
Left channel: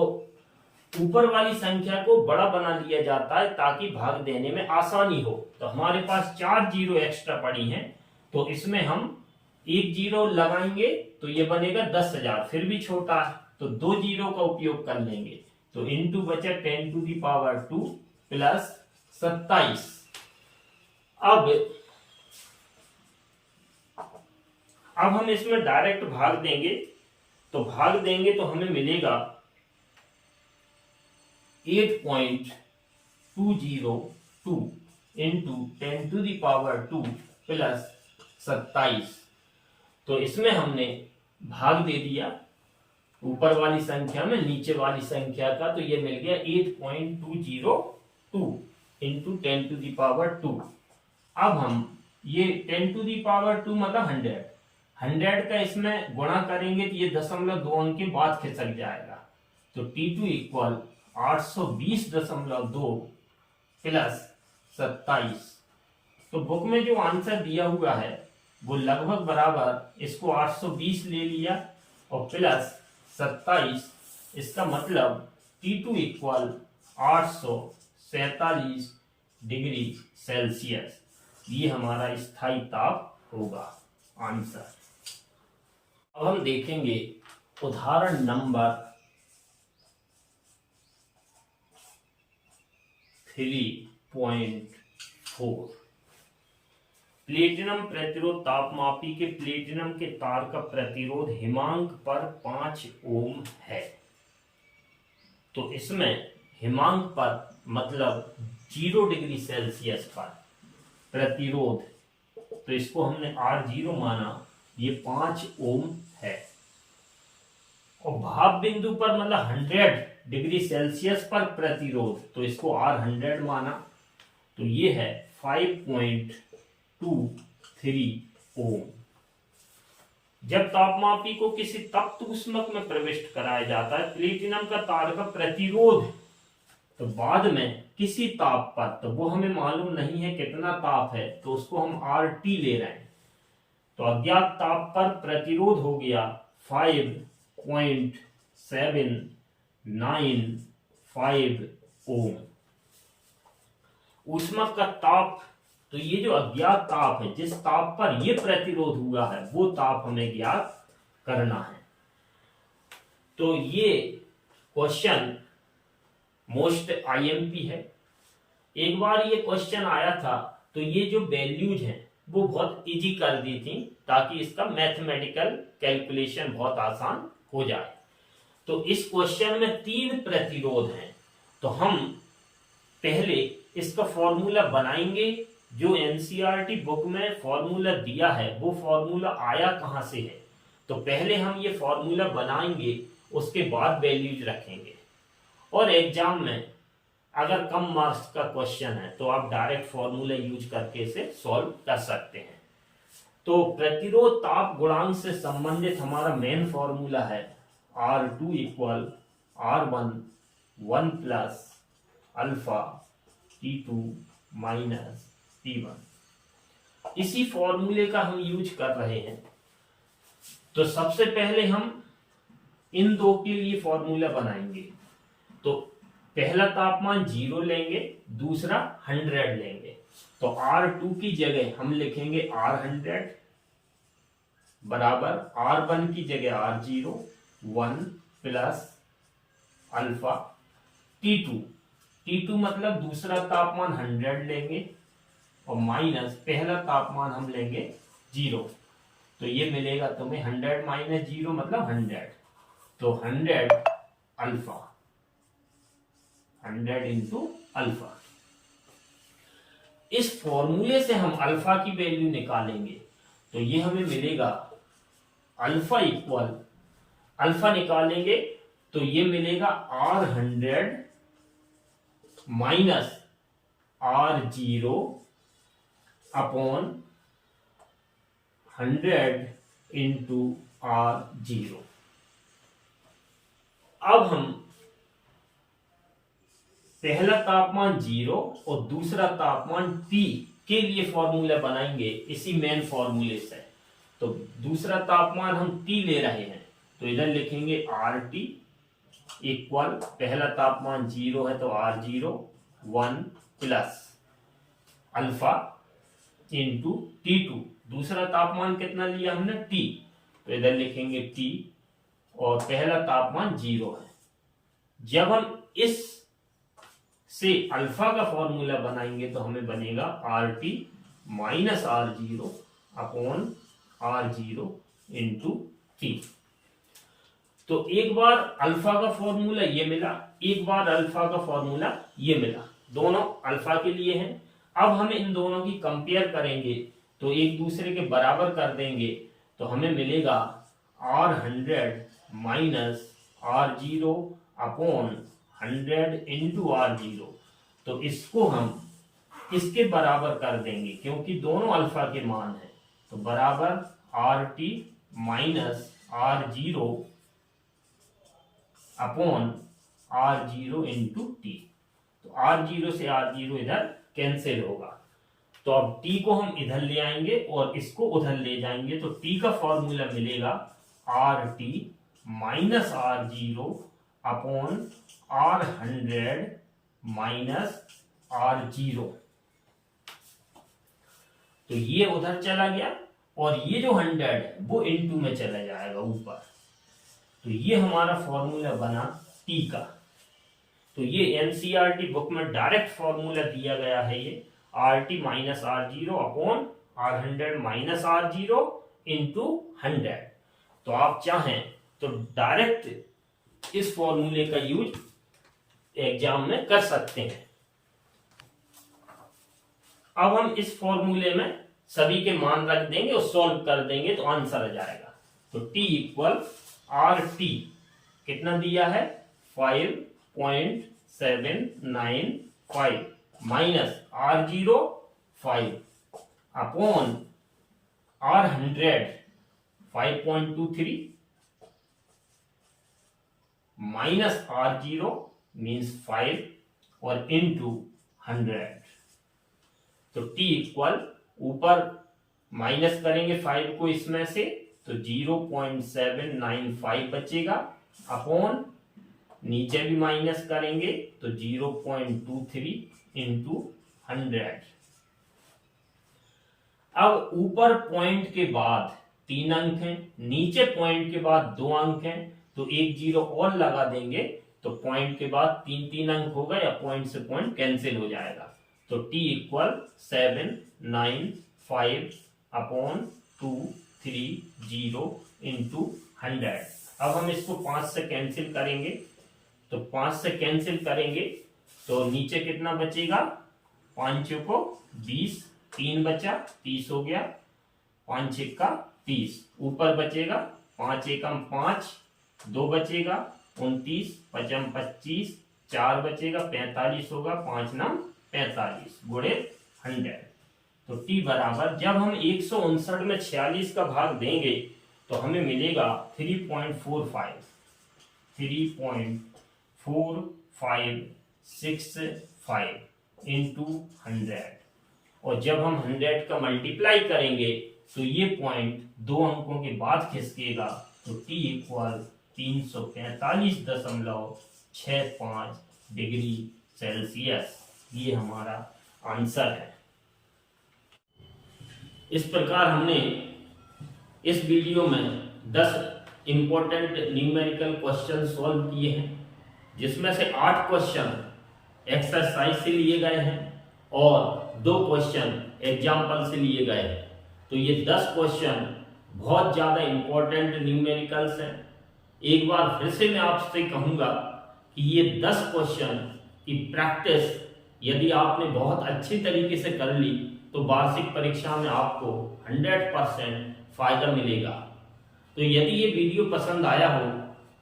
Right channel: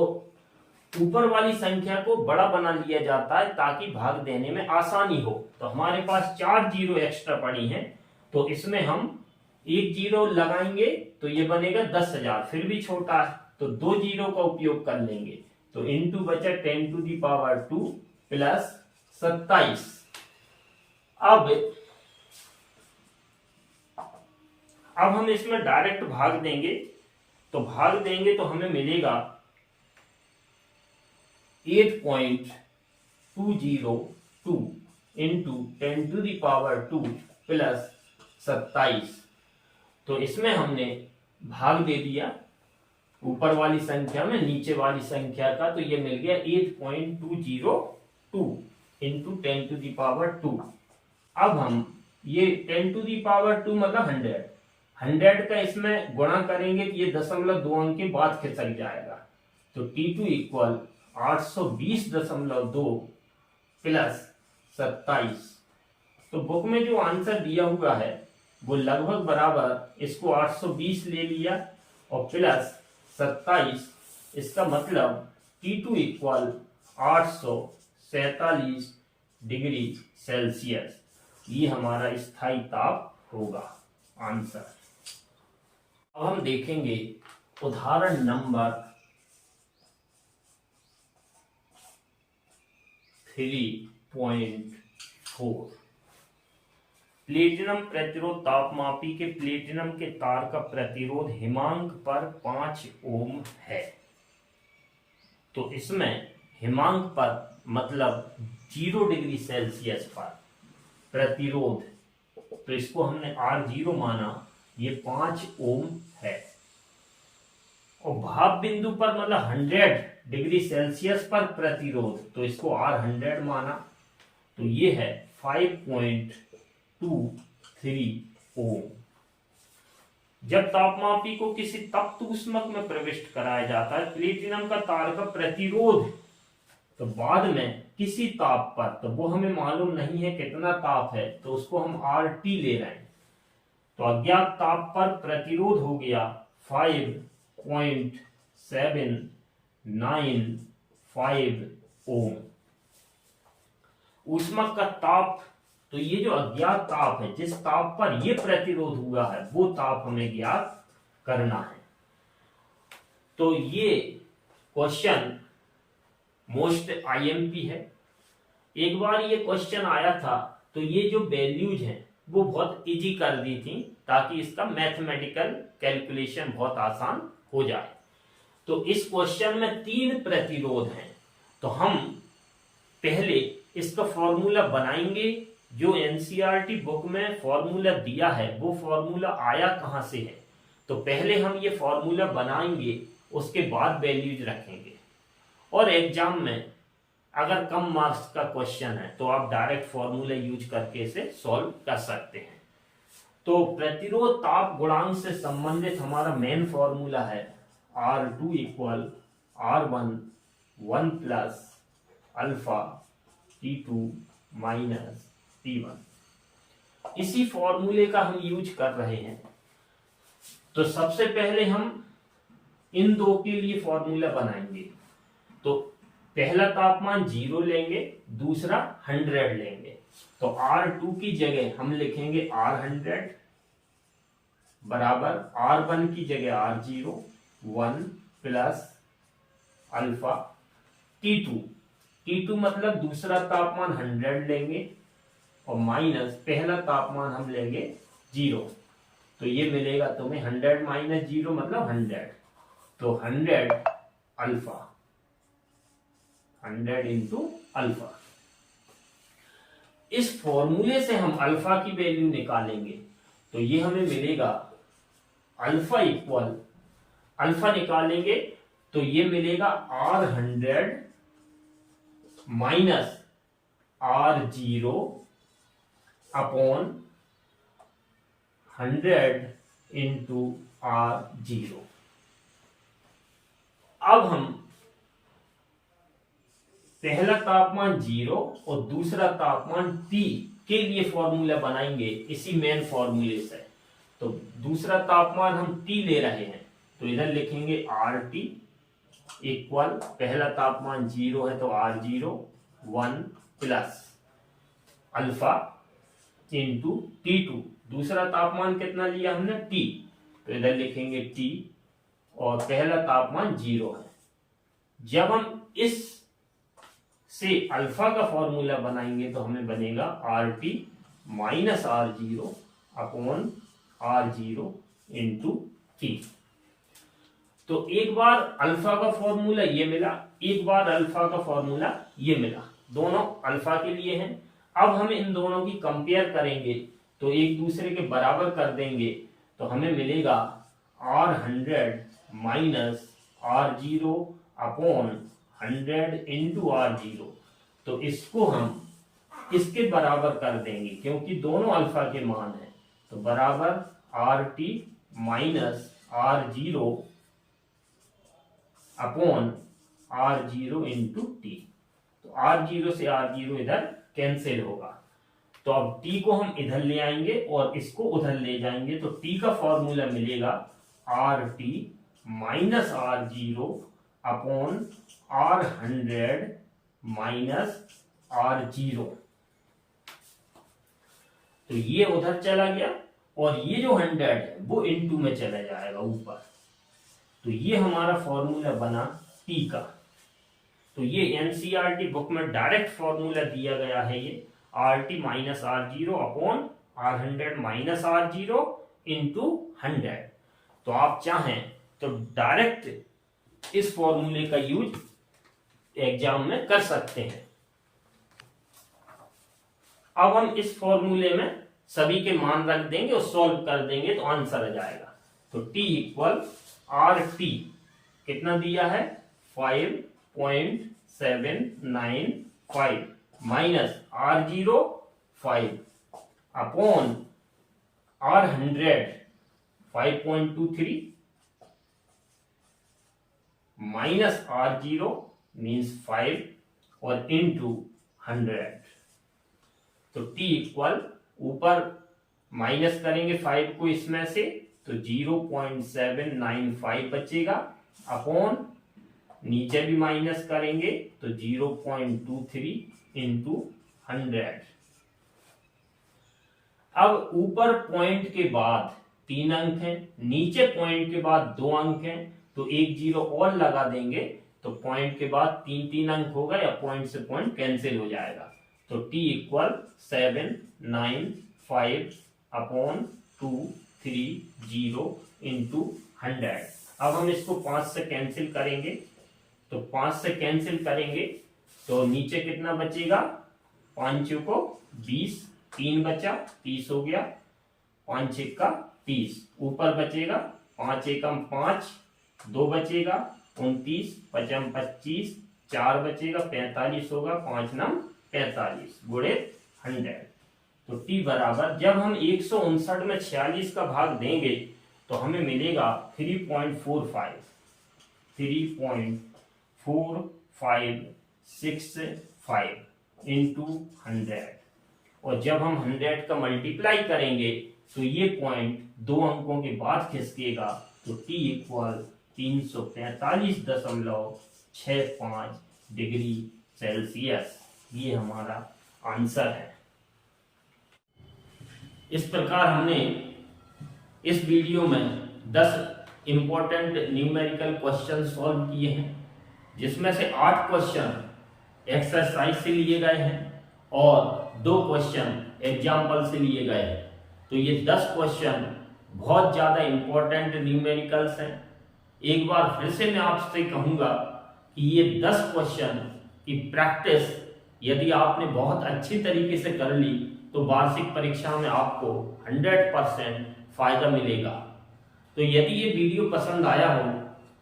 ऊपर वाली संख्या को बड़ा बना लिया जाता है ताकि भाग देने में आसानी हो। तो हमारे पास 4 जीरो एक्स्ट्रा पड़ी हैं तो इसमें हम 1 जीरो लगाएंगे तो ये बनेगा 10,000, फिर भी छोटा है तो 2 जीरो का उपयोग कर लेंगे तो इनटू बचा 10 टू दी पावर 2 प्लस 27। अब हम इसमें डायरेक्ट भाग देंगे तो हमें मिलेगा 8.202 into 10 to the power 2 plus 27। तो इसमें हमने भाग दे दिया ऊपर वाली संख्या में नीचे वाली संख्या का, तो ये मिल गया 8.202 इंटू 10 टू दी पावर 2। अब हम ये 10 टू दी पावर 2 मतलब 100 का इसमें गुणा करेंगे तो ये 0.2 अंक के बाद खिसक जाएगा। तो T2 इक्वल 820.2 प्लस 27। तो बुक में जो आंसर दिया हुआ है वो लगभग बराबर, इसको 820 ले लिया और प्लस 27, इसका मतलब T2 इक्वल 847 डिग्री सेल्सियस। ये हमारा स्थायी ताप होगा आंसर। अब हम देखेंगे उदाहरण नंबर 3.4। प्लेटिनम प्रतिरोध तापमापी के प्लेटिनम के तार का प्रतिरोध हिमांक पर 5 ओम है। तो इसमें हिमांक पर मतलब 0 डिग्री सेल्सियस पर प्रतिरोध, तो इसको हमने R0 माना, ये 5 ओम है। और भाप बिंदु पर मतलब 100 डिग्री सेल्सियस पर प्रतिरोध, तो इसको R100 माना, तो ये है 5.23 ओम। जब तापमापी को किसी तप्त ऊष्मक में प्रविष्ट कराया जाता है प्लेटिनम का तार का प्रतिरोध, तो बाद में किसी ताप पर, तो वो हमें मालूम नहीं है कितना ताप है, तो उसको हम RT ले रहे हैं। तो अज्ञात ताप पर प्रतिरोध हो गया 5.795 ओम। ऊष्मा का ताप, तो ये जो अज्ञात ताप है, जिस ताप पर ये प्रतिरोध हुआ है वो ताप हमें ज्ञात करना है। तो ये क्वेश्चन मोस्ट आईएमपी है। एक बार ये क्वेश्चन आया था तो ये जो वैल्यूज हैं वो बहुत इजी कर दी थी ताकि इसका मैथमेटिकल कैलकुलेशन बहुत आसान हो जाए। तो इस क्वेश्चन में 3 प्रतिरोध हैं, तो हम पहले इसका फॉर्मूला बनाएंगे। जो एनसीईआरटी बुक में फॉर्मूला दिया है वो फॉर्मूला आया कहां से है, तो पहले हम ये फॉर्मूला बनाएंगे, उसके बाद वैल्यूज रखेंगे। और एग्जाम में अगर कम मार्क्स का क्वेश्चन है तो आप डायरेक्ट फॉर्मूला यूज करके इसे सॉल्व कर सकते हैं। तो प्रतिरोध ताप गुणांक से संबंधित हमारा मेन फॉर्मूला है R2 equal R1 1 plus alpha T2 minus T1। इसी फॉर्मूले का हम यूज कर रहे हैं। तो सबसे पहले हम इन दो के लिए फॉर्मूला बनाएंगे। तो पहला तापमान 0 लेंगे, दूसरा 100 लेंगे। तो R2 की जगह हम लिखेंगे R100 बराबर R1 की जगह R0 1 प्लस अल्फा T2 मतलब दूसरा तापमान 100 लेंगे और माइनस पहला तापमान हम लेंगे 0। तो ये मिलेगा तुम्हें 100 माइनस 0 मतलब 100। तो 100 अल्फा, 100 इंटू अल्फा। इस फॉर्मूले से हम अल्फा की वैल्यू निकालेंगे। तो ये हमें मिलेगा अल्फा इक्वल, अल्फा निकालेंगे तो ये मिलेगा R100 minus R0 upon 100 into R0। अब हम पहला तापमान 0 और दूसरा तापमान T के लिए फॉर्मूला बनाएंगे इसी मेन फॉर्मूले से। तो दूसरा तापमान हम T ले रहे हैं, तो इधर लिखेंगे RT इक्वल, पहला तापमान 0 है तो R0 1 plus alpha into T2, दूसरा तापमान कितना लिया हमने T, तो इधर लिखेंगे T और पहला तापमान 0 है। जब हम इस से अल्फा का फॉर्मूला बनाएंगे तो हमें बनेगा RT minus R0 upon R0 into T। तो एक बार अल्फा का फॉर्मूला ये मिला, एक बार अल्फा का फॉर्मूला ये मिला, दोनों अल्फा के लिए हैं। अब हम इन दोनों की कंपेयर करेंगे तो एक दूसरे के बराबर कर देंगे, तो हमें मिलेगा R100 minus R0 upon 100 into R0। तो इसको हम इसके बराबर कर देंगे क्योंकि दोनों अल्फा के मान है। तो बराबर RT minus R0 upon R0 into T। तो R0 से R0 इधर कैंसिल होगा। तो अब T को हम इधर ले आएंगे और इसको उधर ले जाएंगे, तो T का फॉर्मूला मिलेगा RT minus R0 upon R100 minus R0। तो ये उधर चला गया और ये जो 100 है वो इनटू में चला जाएगा ऊपर। तो ये हमारा फॉर्मूला बना T का। तो ये एनसीईआरटी बुक में डायरेक्ट फॉर्मूला दिया गया है, ये RT minus R0 upon R100 minus R0 into 100। तो आप चाहें तो डायरेक्ट इस फॉर्मूले का यूज एग्जाम में कर सकते हैं। अब हम इस फॉर्मूले में सभी के मान रख देंगे और सॉल्व कर देंगे तो आंसर आ जाएगा। तो T इक्वल RT कितना दिया है 5.795 minus R0 5 upon R100 5.23 minus R0 means 5 और इंटू 100। तो T इक्वल ऊपर माइनस करेंगे 5 को इसमें से तो 0.795 बचेगा अपॉन नीचे भी माइनस करेंगे तो 0.23 इंटू 100। अब ऊपर पॉइंट के बाद 3 अंक हैं, नीचे पॉइंट के बाद 2 अंक हैं, तो एक जीरो और लगा देंगे तो पॉइंट के बाद 3 अंक होगा या पॉइंट से पॉइंट कैंसिल हो जाएगा। तो t इक्वल 795/230 इंटू 100। अब हम इसको 5 से कैंसिल करेंगे, तो 5 से कैंसिल करेंगे तो नीचे कितना बचेगा, 5 को 20, 3 बचा 30 हो गया, 5 1 का 30, ऊपर बचेगा 5 1 5, 2 बचेगा 29, 5 25, 4 बचेगा 45 होगा, 5 9 45 गुणे 100। तो t बराबर, जब हम 159 में 46 का भाग देंगे तो हमें मिलेगा 3.4565 इंटू 100। और जब हम 100 का मल्टीप्लाई करेंगे तो ये पॉइंट 2 अंकों के बाद खिसकेगा, तो t इक्वल 345.65 डिग्री सेल्सियस। ये हमारा आंसर है। इस प्रकार हमने इस वीडियो में 10 इंपॉर्टेंट न्यूमेरिकल क्वेश्चन सॉल्व किए हैं, जिसमें से 8 क्वेश्चन एक्सरसाइज से लिए गए हैं और 2 क्वेश्चन एग्जाम्पल से लिए गए हैं। तो ये 10 क्वेश्चन बहुत ज़्यादा इंपॉर्टेंट न्यूमेरिकल्स हैं। एक बार फिर से मैं आपसे कहूँगा कि ये 10 क्वेश्चन की प्रैक्टिस यदि आपने बहुत अच्छी तरीके से कर ली तो वार्षिक परीक्षा में आपको 100% फायदा मिलेगा। तो यदि ये वीडियो पसंद आया हो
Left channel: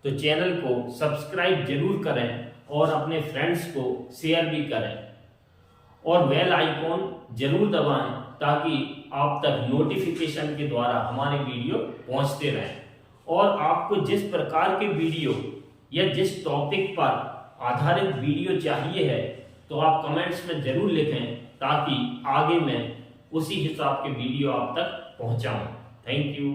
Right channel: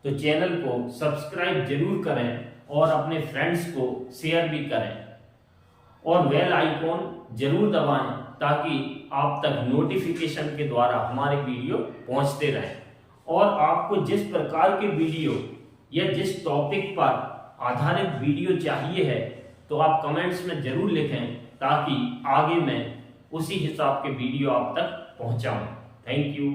तो चैनल को सब्सक्राइब जरूर करें और अपने फ्रेंड्स को शेयर भी करें और बेल आइकॉन जरूर दबाएं ताकि आप तक नोटिफिकेशन के द्वारा हमारे वीडियो पहुंचते रहें। और आपको जिस प्रकार के वीडियो या जिस टॉपिक पर आधारित वीडियो चाहिए है तो आप कमेंट्स में जरूर लिखें ताकि आगे मैं उसी हिसाब के वीडियो आप तक पहुंचाऊं। Thank you.